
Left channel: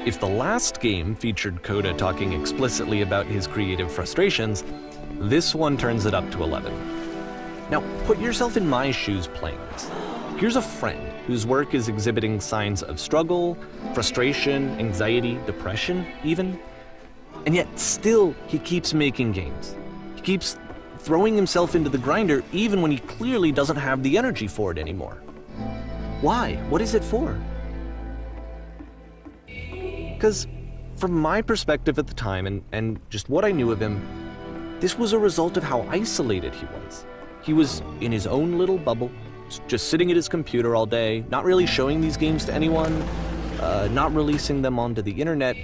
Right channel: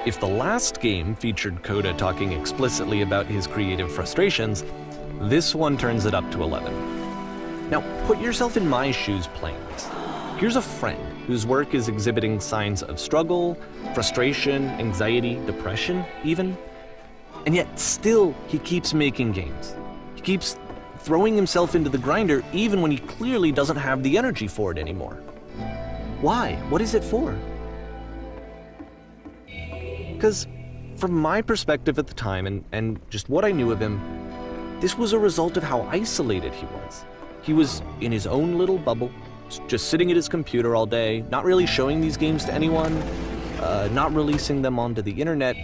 If the last game featured Coda talking explicitly about his creative frustrations, this one turns it up to 11. Now, put yourself in my shoes playing this. Here's a friend whose work is exhibiting signs of struggle, frustration, anxiety, depression, even. And yet still, he keeps making games. He keeps throwing himself into the grinder even when he clearly doesn't have the energy for it anymore. Why? What is it for? Because from my perspective at the time and just what I knew of him, this was a result of how isolated he was. He was in his own little bubble, just sitting at his computer all day, not really showing these games to anyone, not releasing them onto the internet,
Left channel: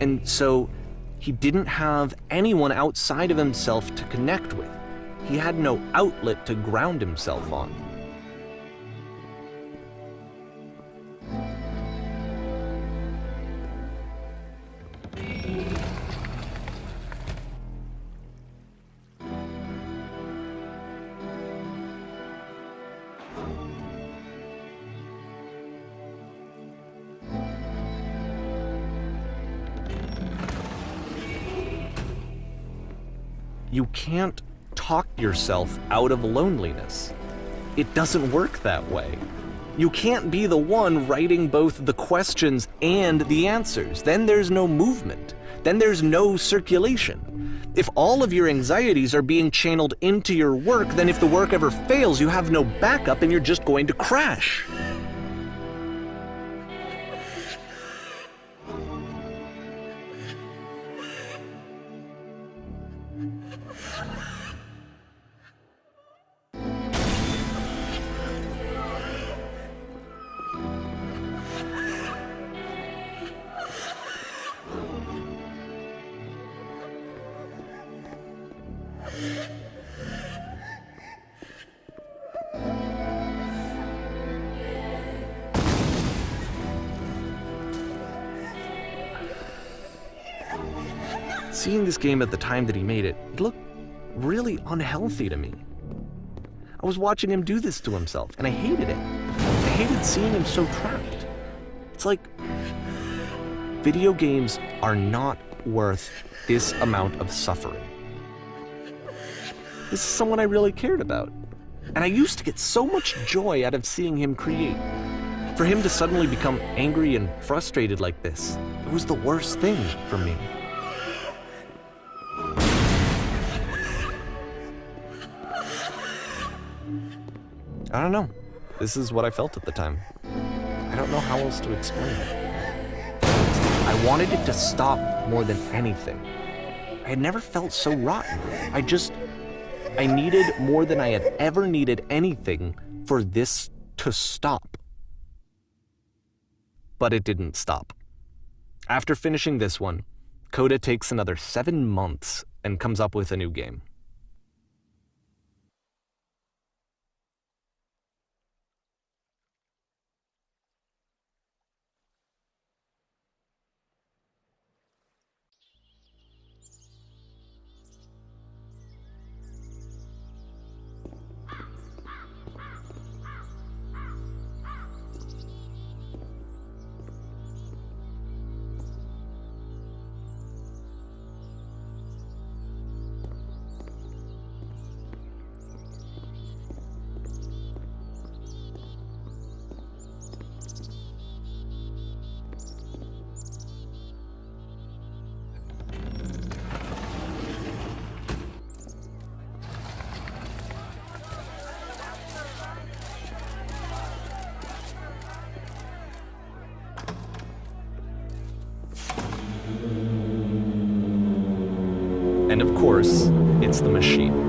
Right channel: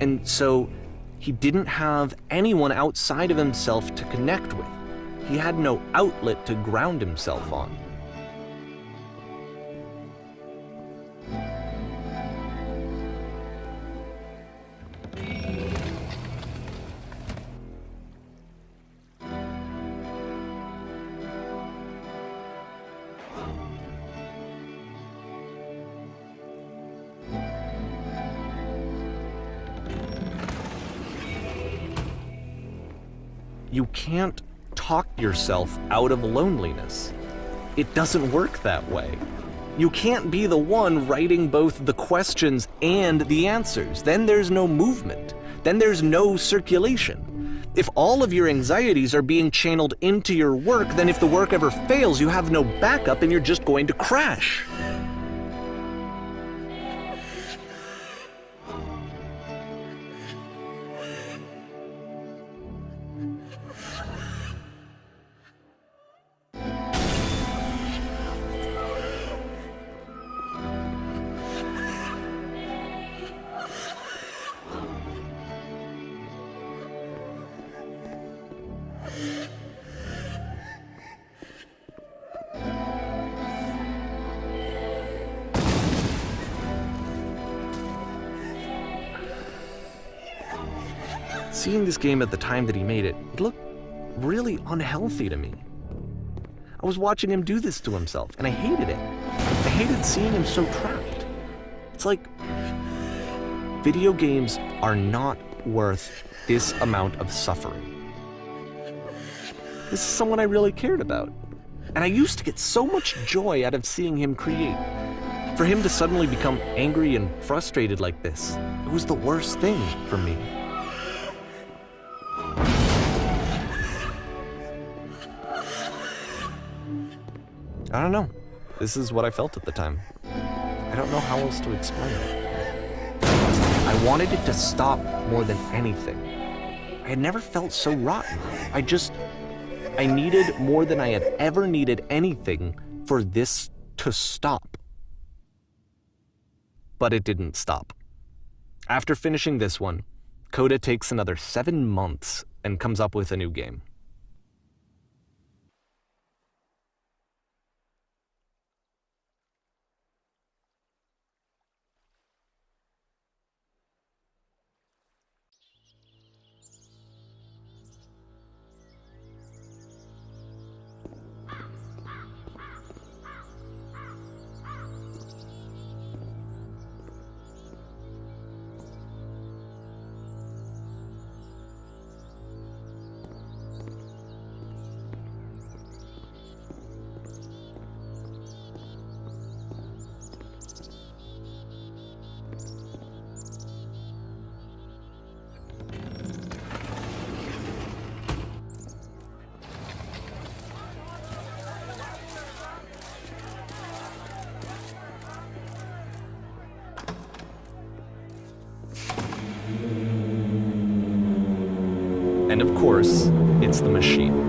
and so he didn't have anyone outside of himself to connect with. He had no outlet to ground himself on. You can't talk yourself out of loneliness. It doesn't work that way. You can't be the one writing both the questions and the answers. Then there's no movement. Then there's no circulation. If all of your anxieties are being channeled into your work, then if the work ever fails, you have no backup and you're just going to crash. Seeing this game at the time that he made it, it looked really unhealthy to me. I was watching him do this to himself, and I hated it. I hated seeing him so trapped. It's like, video games are not worth this amount of suffering. This is someone I really cared about, and I used to get so much joy out of seeing him create. For him to suddenly become angry and frustrated like this, it was the worst thing for me. I don't know. This is what I felt at the time. I don't know how else to explain it. I wanted it to stop more than anything. I had never felt so rotten. I needed more than I had ever needed anything for this to stop. But it didn't stop. After finishing this one, Coda takes another 7 months and comes up with a new game. And of course, it's the machine.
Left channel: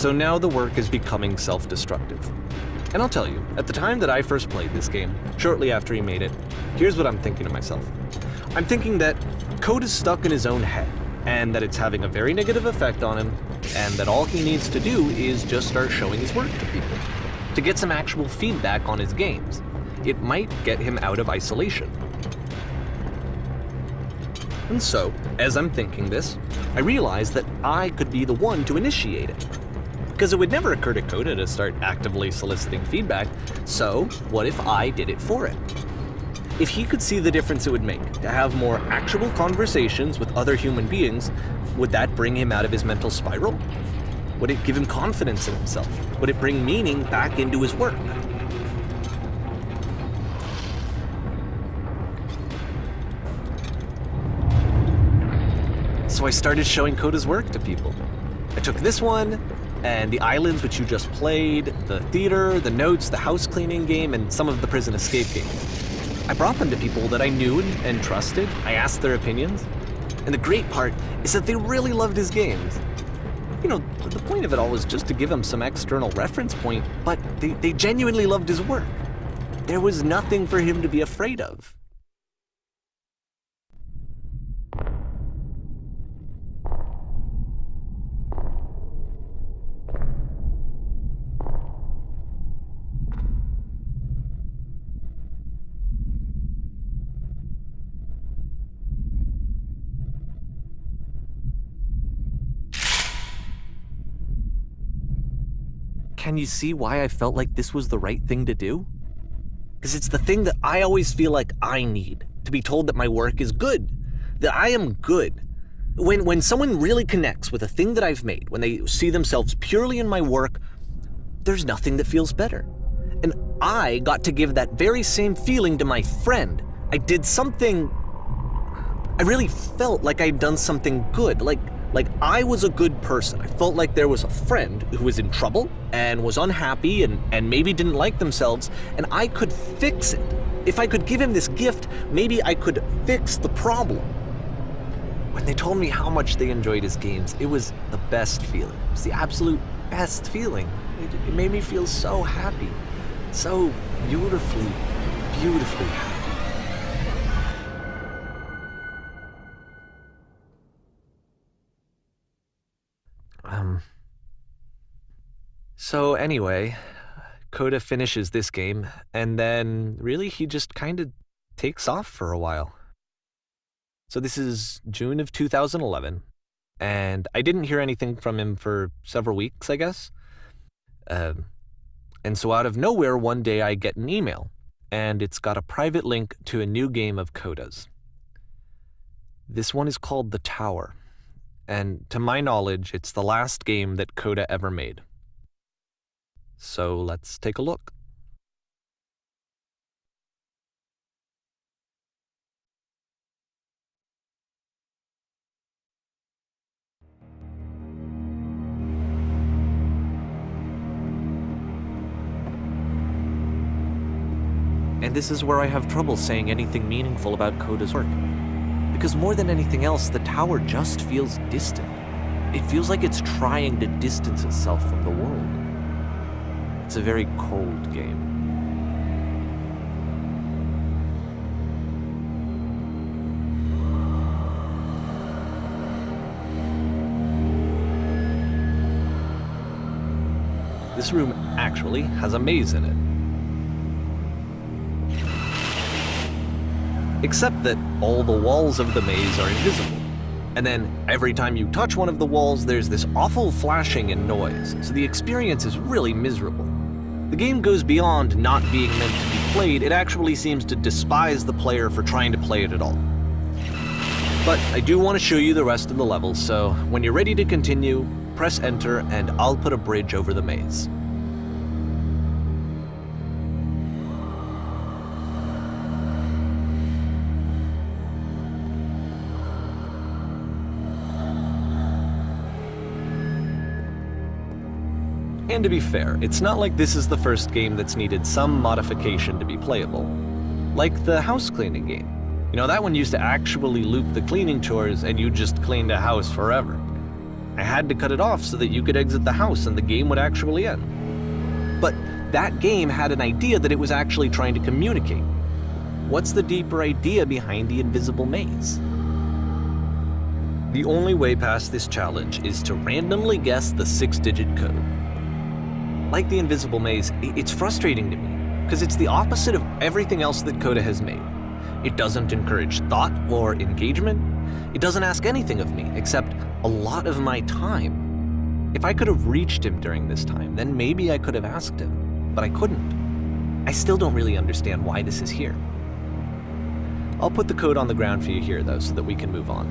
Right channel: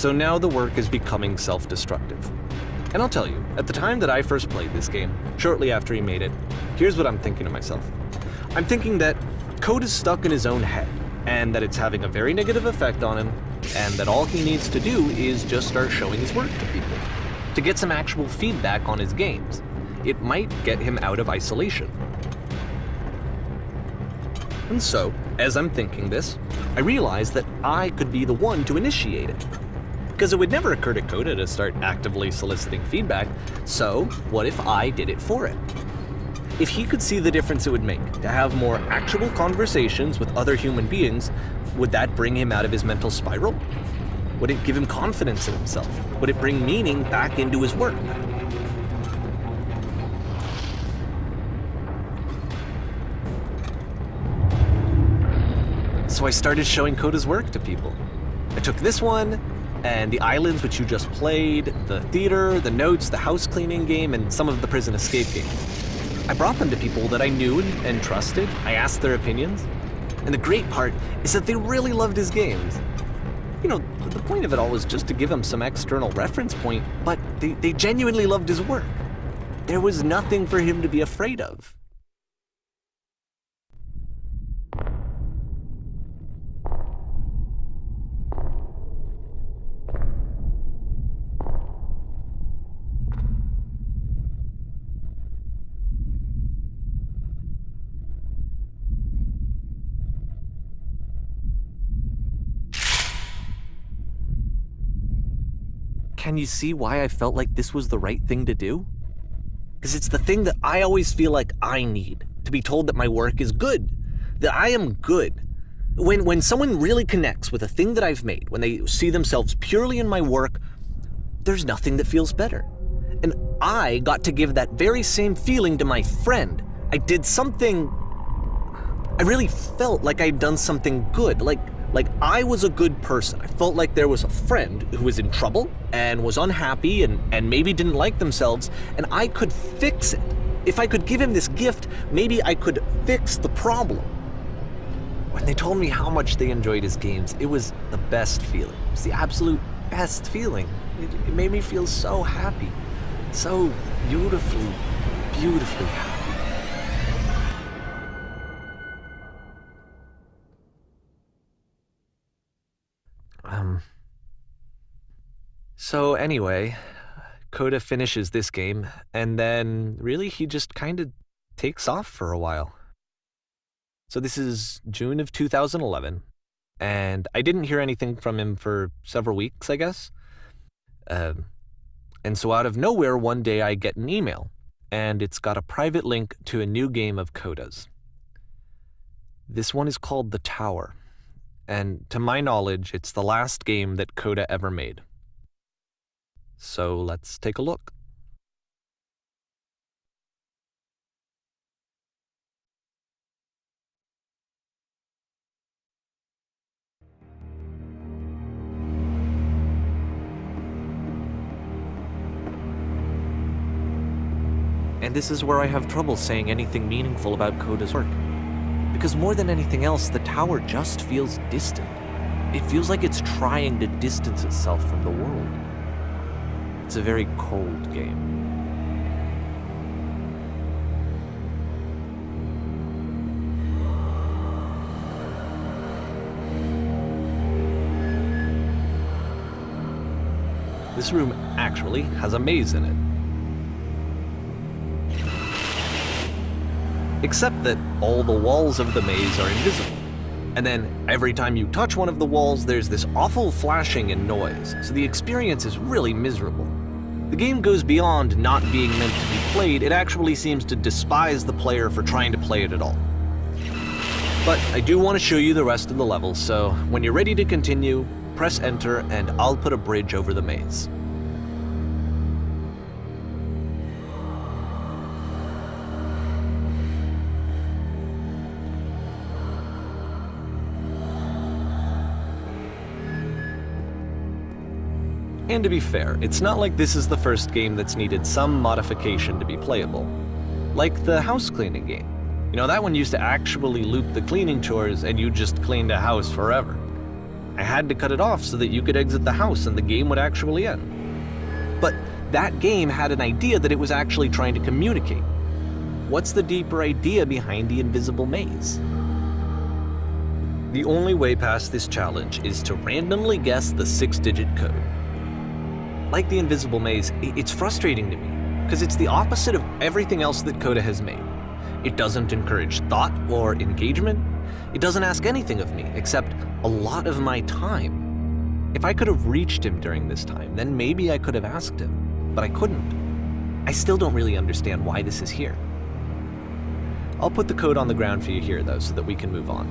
So now the work is becoming self-destructive. And I'll tell you, at the time that I first played this game, shortly after he made it, here's what I'm thinking to myself. I'm thinking that Code is stuck in his own head, and that it's having a very negative effect on him, and that all he needs to do is just start showing his work to people, to get some actual feedback on his games. It might get him out of isolation. And so, as I'm thinking this, I realize that I could be the one to initiate it. Because it would never occur to Coda to start actively soliciting feedback, so what if I did it for him? If he could see the difference it would make to have more actual conversations with other human beings, would that bring him out of his mental spiral? Would it give him confidence in himself? Would it bring meaning back into his work? So I started showing Coda's work to people. I took this one, and the islands which you just played, the theater, the notes, the house cleaning game, and some of the prison escape games. I brought them to people that I knew and trusted. I asked their opinions. And the great part is that they really loved his games. You know, the point of it all was just to give him some external reference point, but they genuinely loved his work. There was nothing for him to be afraid of. Can you see why I felt like this was the right thing to do? Because it's the thing that I always feel like I need, to be told that my work is good, that I am good. When someone really connects with a thing that I've made, when they see themselves purely in my work, there's nothing that feels better. And I got to give that very same feeling to my friend. I did something, I really felt like I'd done something good, like I was a good person. I felt like there was a friend who was in trouble and was unhappy and maybe didn't like themselves, and I could fix it. If I could give him this gift, maybe I could fix the problem. When they told me how much they enjoyed his games, it was the best feeling. It was the absolute best feeling. It made me feel so happy, so beautifully, beautifully happy. So anyway, Coda finishes this game, and then really he just kind of takes off for a while. So this is June of 2011, and I didn't hear anything from him for several weeks, I guess. And so out of nowhere, one day I get an email, and it's got a private link to a new game of Coda's. This one is called The Tower, and to my knowledge, it's the last game that Coda ever made. So let's take a look. And this is where I have trouble saying anything meaningful about Coda's work. Because more than anything else, the tower just feels distant. It feels like it's trying to distance itself from the world. It's a very cold game. This room actually has a maze in it. Except that all the walls of the maze are invisible. And then every time you touch one of the walls, there's this awful flashing and noise, so the experience is really miserable. The game goes beyond not being meant to be played, it actually seems to despise the player for trying to play it at all. But I do want to show you the rest of the level, so when you're ready to continue, press enter and I'll put a bridge over the maze. And to be fair, it's not like this is the first game that's needed some modification to be playable. Like the house cleaning game. You know, that one used to actually loop the cleaning chores and you just cleaned a house forever. I had to cut it off so that you could exit the house and the game would actually end. But that game had an idea that it was actually trying to communicate. What's the deeper idea behind the invisible maze? The only way past this challenge is to randomly guess the 6-digit code. Like the invisible maze, it's frustrating to me, because it's the opposite of everything else that Coda has made. It doesn't encourage thought or engagement. It doesn't ask anything of me, except a lot of my time. If I could have reached him during this time, then maybe I could have asked him, but I couldn't. I still don't really understand why this is here. I'll put the code on the ground for you here, though, so that we can move on.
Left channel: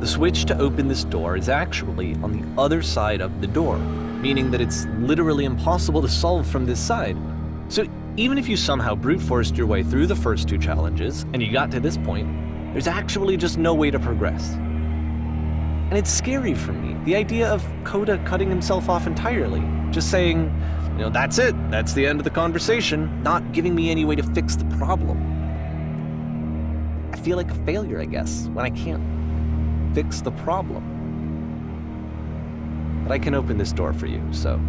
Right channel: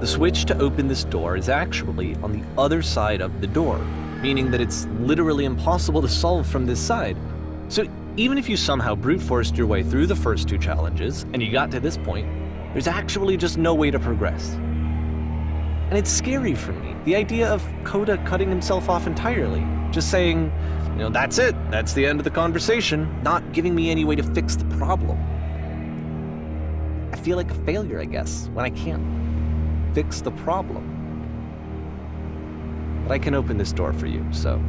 The switch to open this door is actually on the other side of the door, meaning that it's literally impossible to solve from this side. So even if you somehow brute forced your way through the first 2 challenges and you got to this point, there's actually just no way to progress. And it's scary for me, the idea of Coda cutting himself off entirely, just saying, that's it, that's the end of the conversation, not giving me any way to fix the problem. I feel like a failure, I guess, when I can't fix the problem. But I can open this door for you, so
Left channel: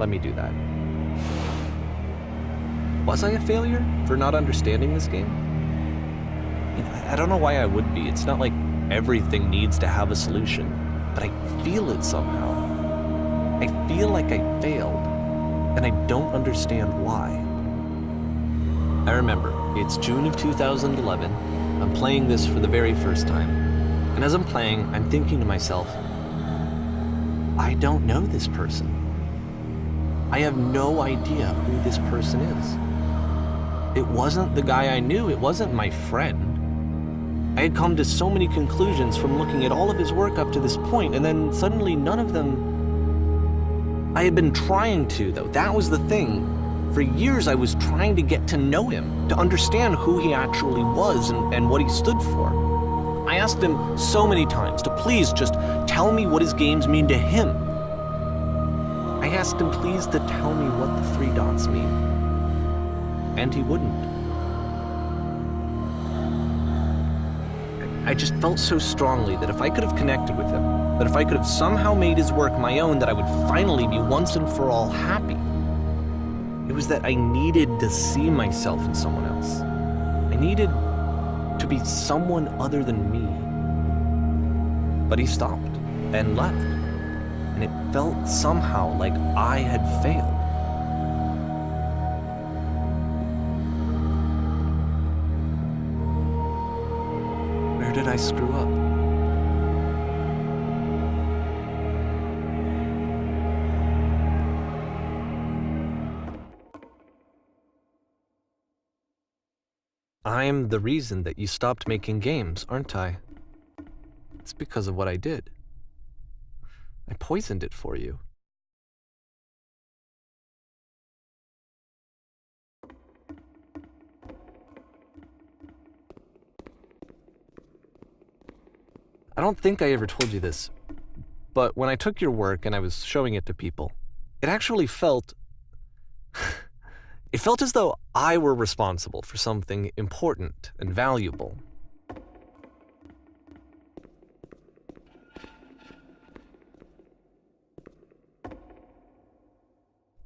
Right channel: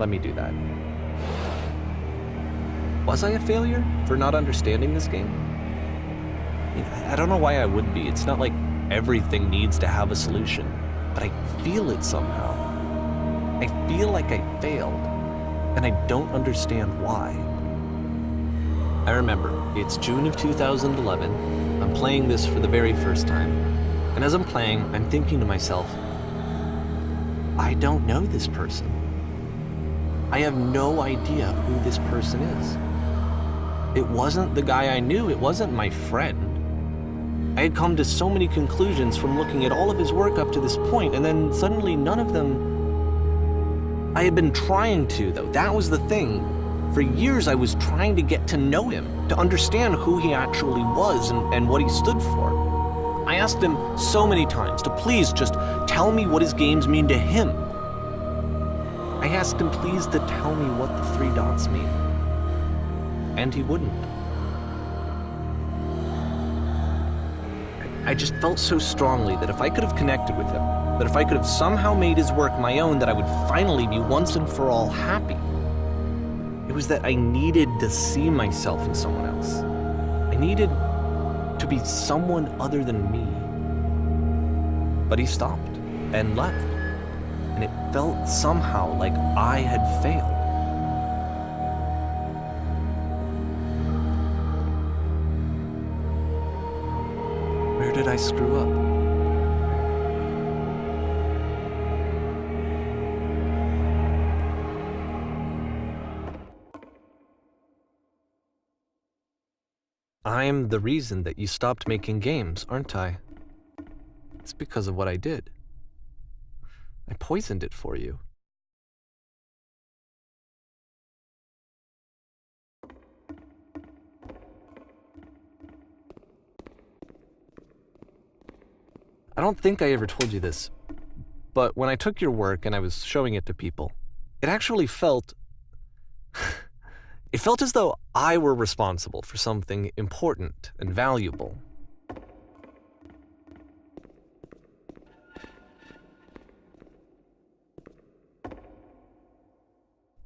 let me do that. Was I a failure for not understanding this game? I don't know why I would be. It's not like everything needs to have a solution, but I feel it somehow. I feel like I failed, and I don't understand why. I remember, it's June of 2011. I'm playing this for the very first time. And as I'm playing, I'm thinking to myself, I don't know this person. I have no idea who this person is. It wasn't the guy I knew, it wasn't my friend. I had come to so many conclusions from looking at all of his work up to this point, and then suddenly none of them... I had been trying to, though. That was the thing. For years I was trying to get to know him, to understand who he actually was and what he stood for. I asked him so many times to please just tell me what his games mean to him. I asked him please to tell me what the 3 dots mean. And he wouldn't. I just felt so strongly that if I could have connected with him, that if I could have somehow made his work my own, that I would finally be once and for all happy. It was that I needed to see myself in someone else. I needed to be someone other than me. But he stopped and left, and it felt somehow like I had failed. Where did I screw up? I'm the reason that you stopped making games, aren't I? It's because of what I did. I poisoned it for you. I don't think I ever told you this, but when I took your work and I was showing it to people, it actually felt... It felt as though I were responsible for something important and valuable.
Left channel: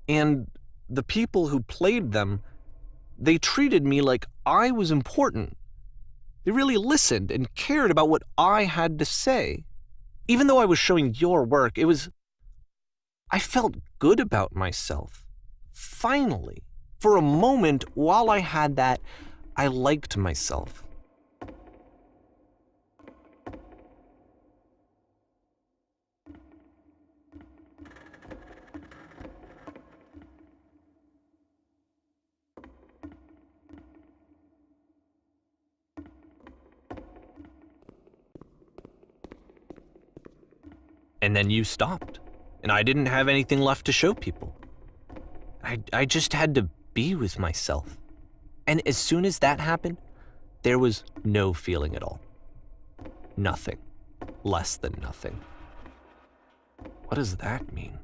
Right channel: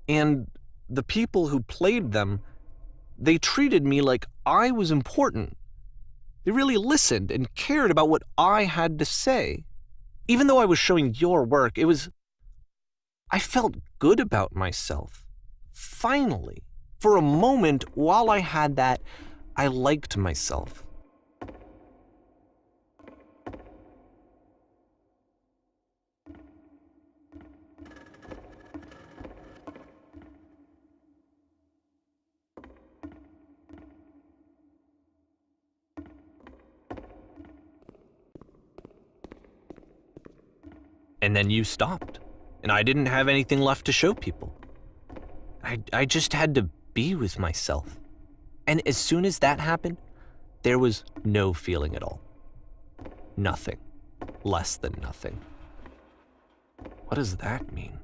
And the people who played them, they treated me like I was important. They really listened and cared about what I had to say. Even though I was showing your work, I felt good about myself. Finally. For a moment, while I had that, I liked myself. And then you stopped, and I didn't have anything left to show people. I just had to be with myself. And as soon as that happened, there was no feeling at all. Nothing. Less than nothing. What does that mean?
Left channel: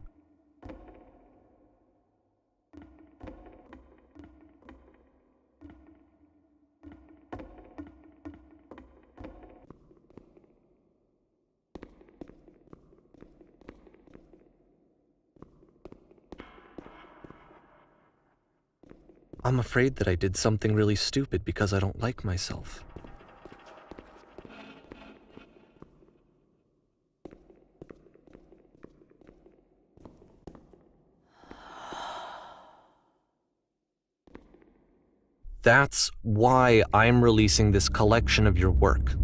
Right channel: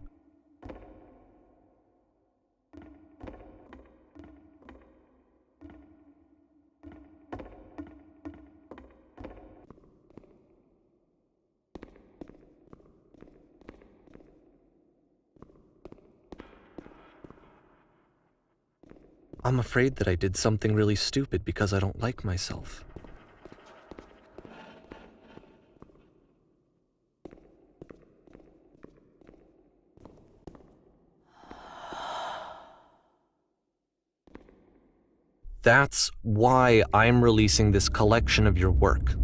I'm afraid that I did something really stupid because I don't like myself. That's why I'm releasing this collection of your work,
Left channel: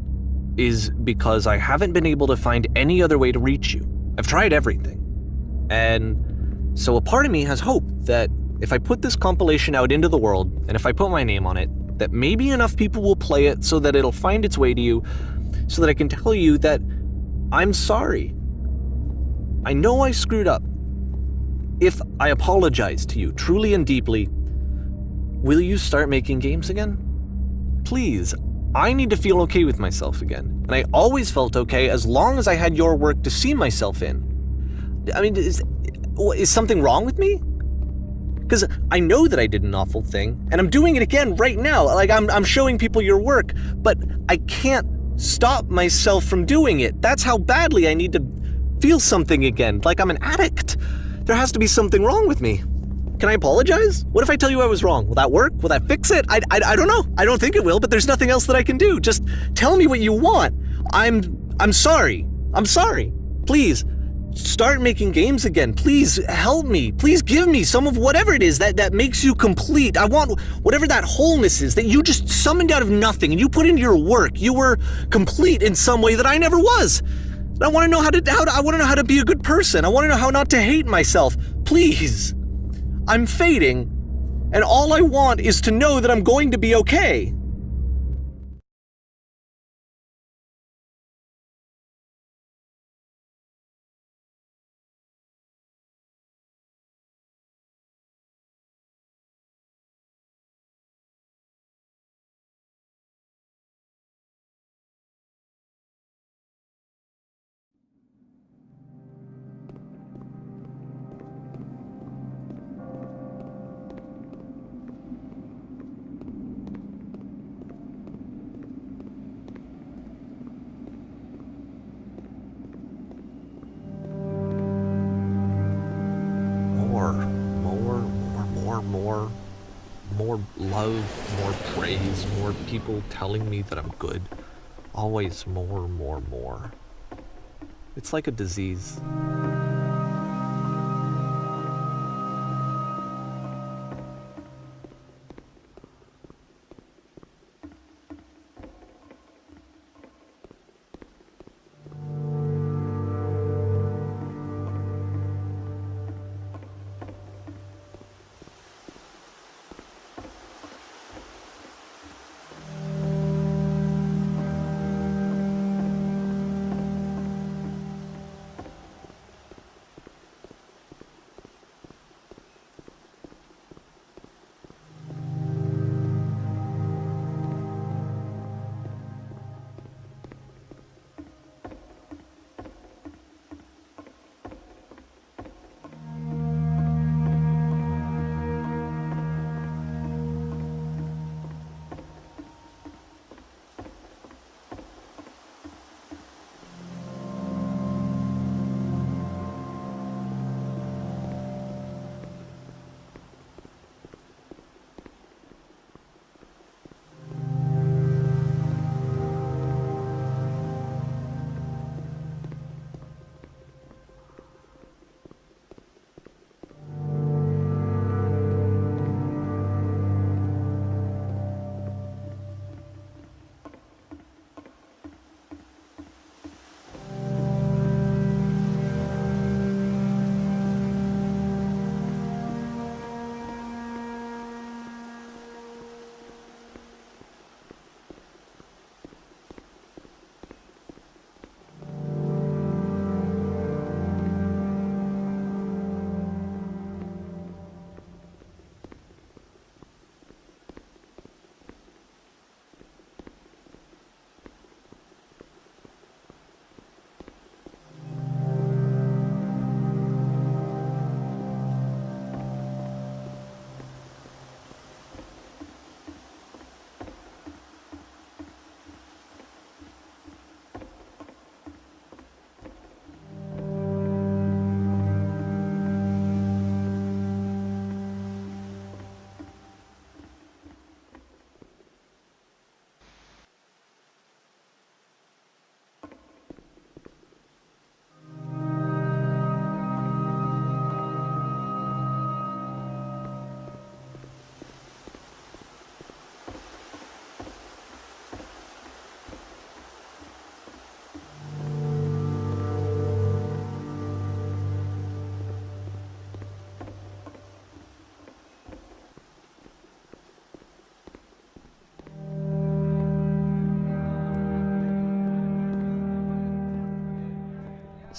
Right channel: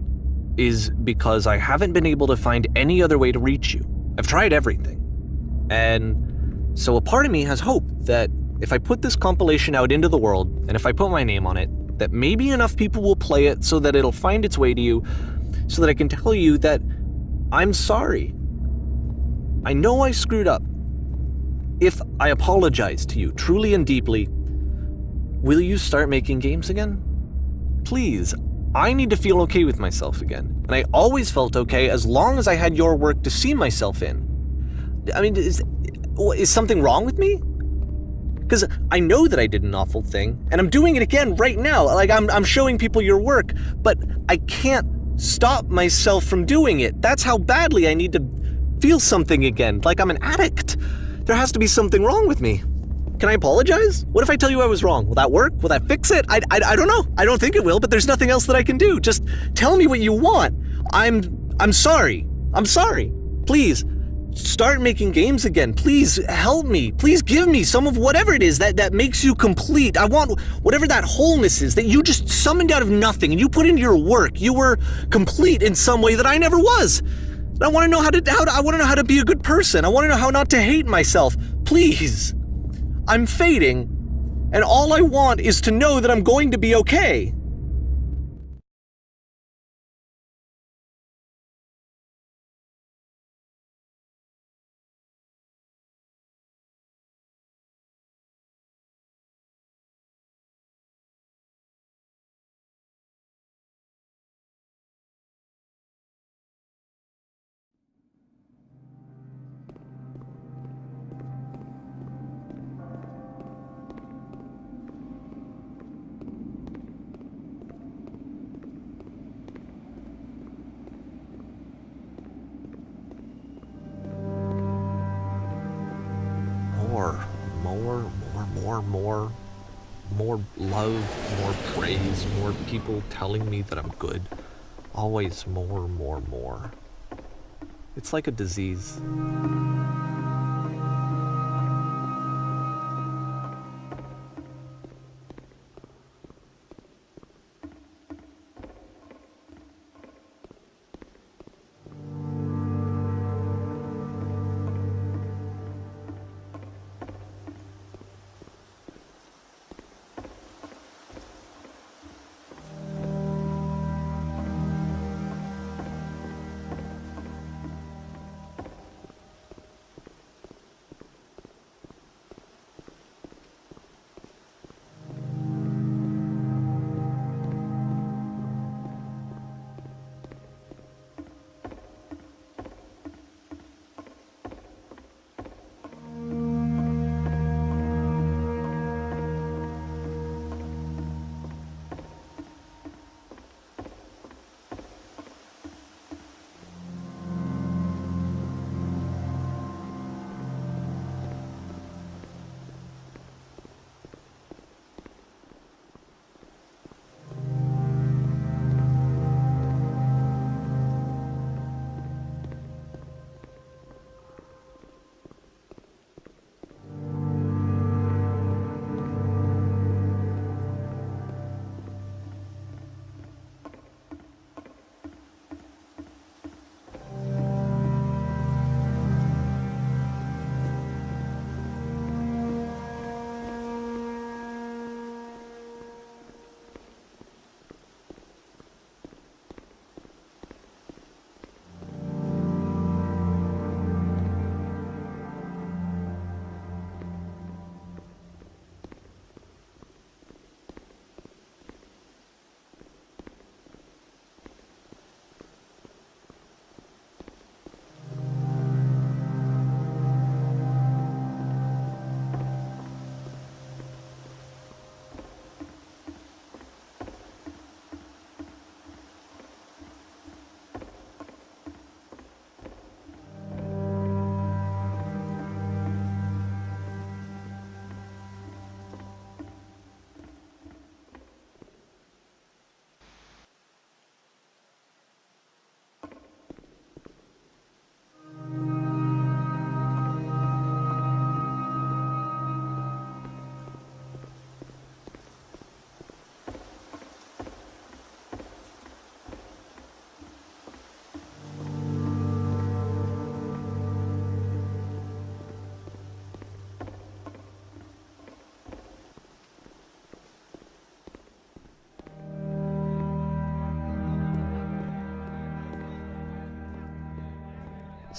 is because I haven't been able to find any other way to reach you. I've tried everything. And so a part of me has hope that if I put this compilation out into the world, and if I put my name on it, that maybe enough people will play it so that it'll find its way to you, so that I can tell you that I'm sorry. I know I screwed up. If I apologize to you truly and deeply, will you start making games again? Please, I need to feel okay with myself again. And I always felt okay as long as I had your work to see myself in. I mean, is something wrong with me? Because I know that I did an awful thing, and I'm doing it again right now. Like, I'm showing people your work, but I can't stop myself from doing it. That's how badly I need to feel something again, like I'm an addict. There has to be something wrong with me. Can I apologize? What if I tell you I was wrong? Will that work? Will that fix it? I don't know. I don't think it will, but there's nothing else that I can do. Just tell me what you want. I'm sorry. I'm sorry. Please, start making games again. Please help me. Please give me some of whatever it is that makes you complete. I want whatever that wholeness is that you just summoned out of nothing and you put into your work. You were complete in some way that I never was. And I want to know I want to know how to be a good person. I want to know how not to hate myself. Please. I'm fading, and all I want is to know that I'm going to be okay. More love, more praise, more people telling me that I'm good. Always more. It's like a disease.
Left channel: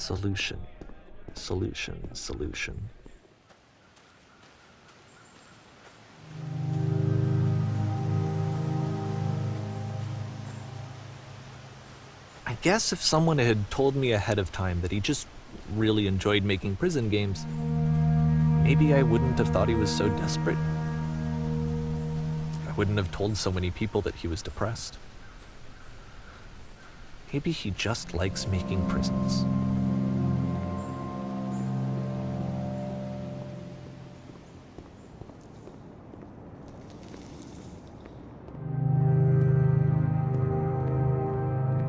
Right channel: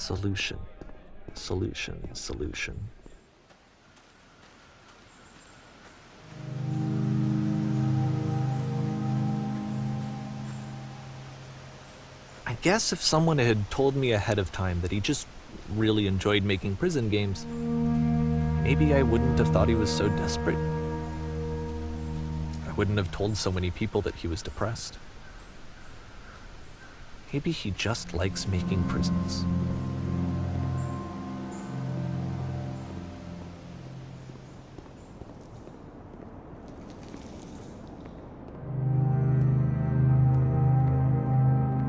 Solution. Solution. Solution. I guess if someone had told me ahead of time that he just really enjoyed making prison games, maybe I wouldn't have thought he was so desperate. I wouldn't have told so many people that he was depressed. Maybe he just likes making prisons.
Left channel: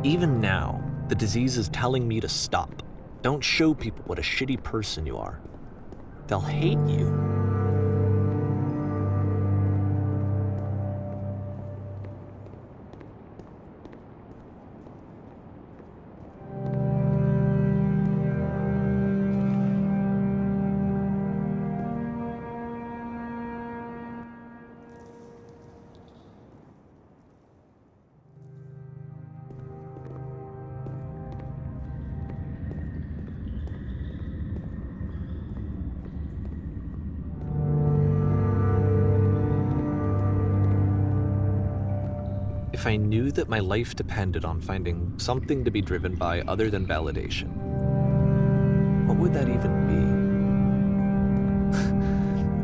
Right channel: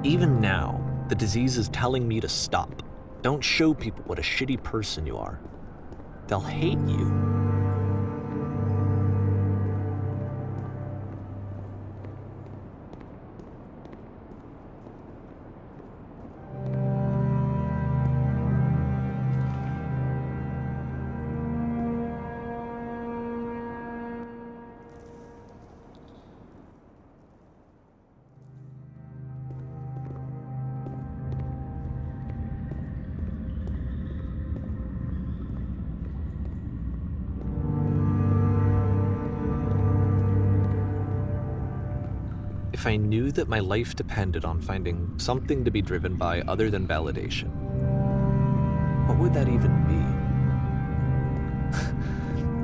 Even now, the disease is telling me to stop. Don't show people what a shitty person you are. They'll hate you. If I knew that my life depended on finding something to be driven by other than validation, what would that even be?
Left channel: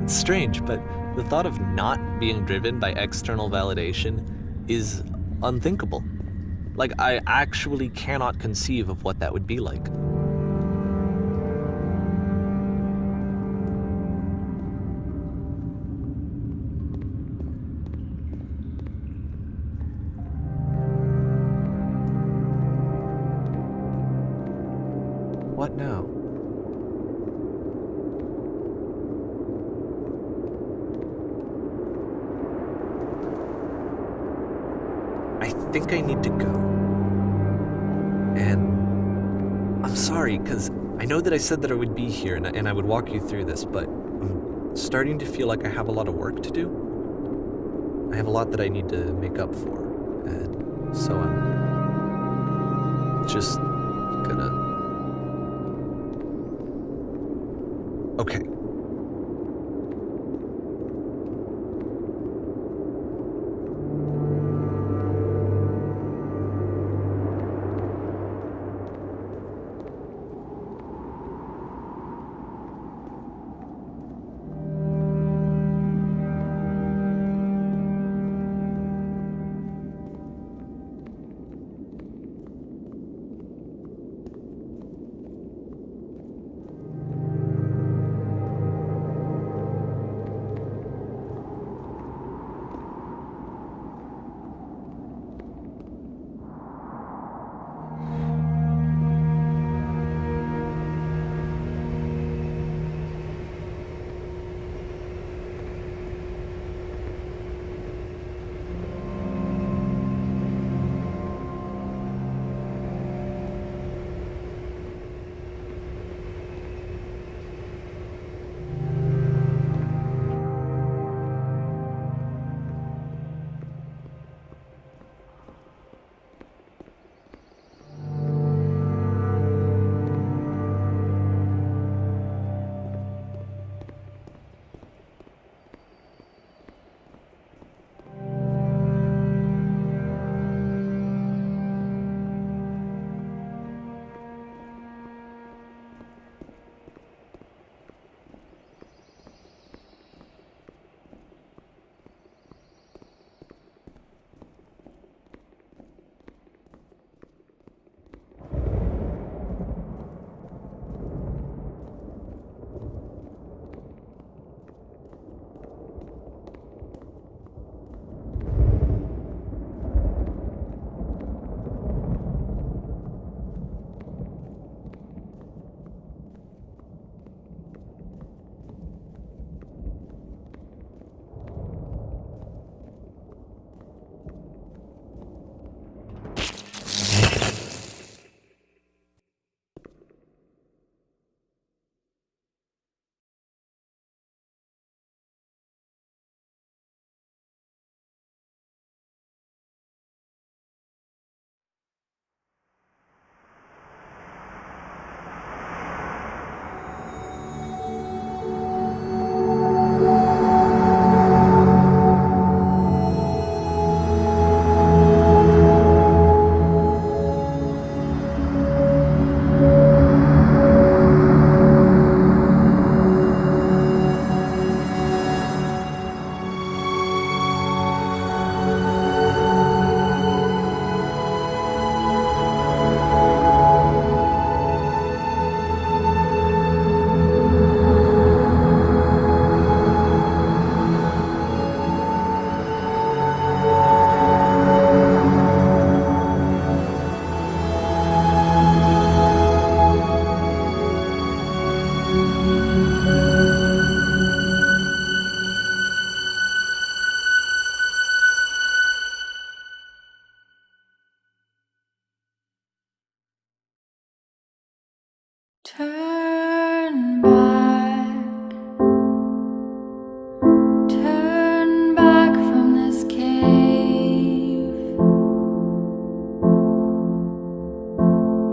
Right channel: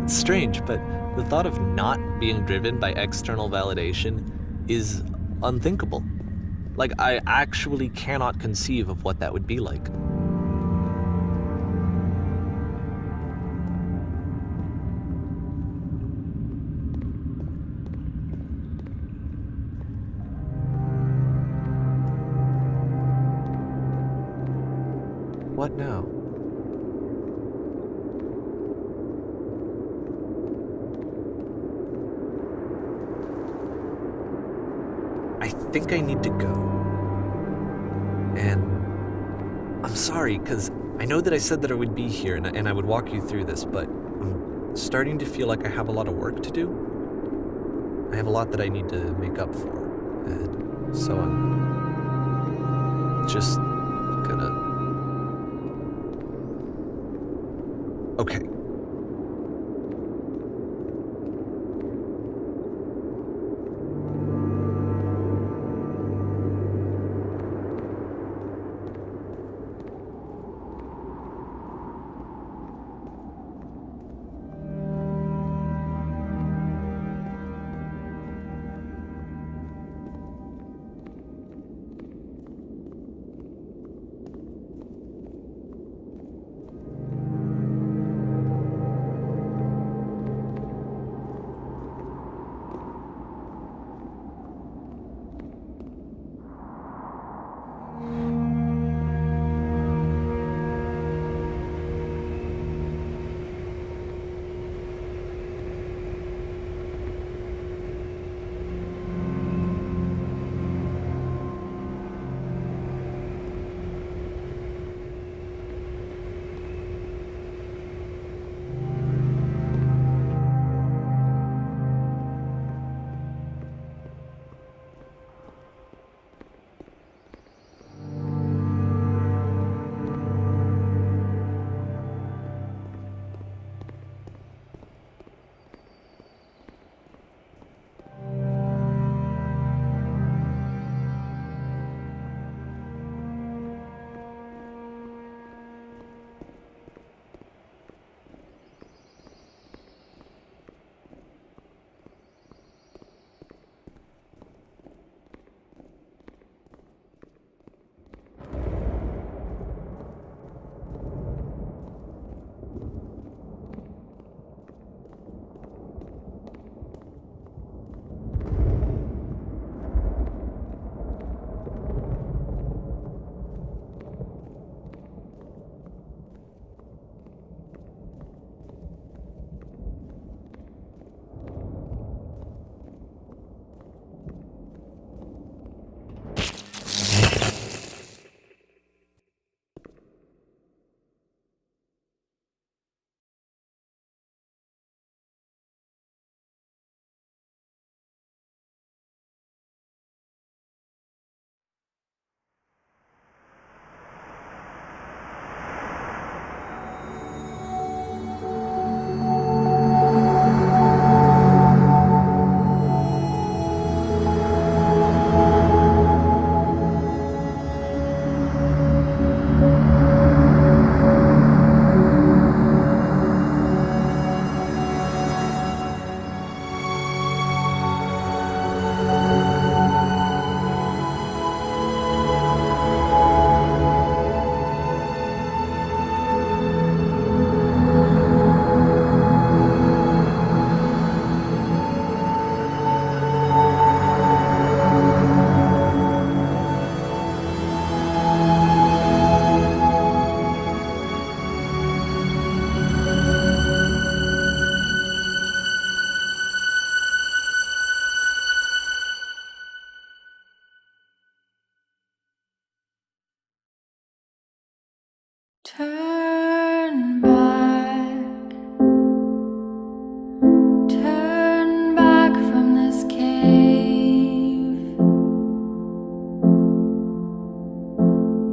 It's strange, but the thought of not being driven by external validation is unthinkable. Like, I actually cannot conceive of what that would be like. What now? I think I need to go. And I'm sorry, because I know that I said that I would be here and I would walk you through this, but I'm starting to feel like I have a lot of work to do. I have a lot that I need to make up for, and so I'm just gonna... Okay.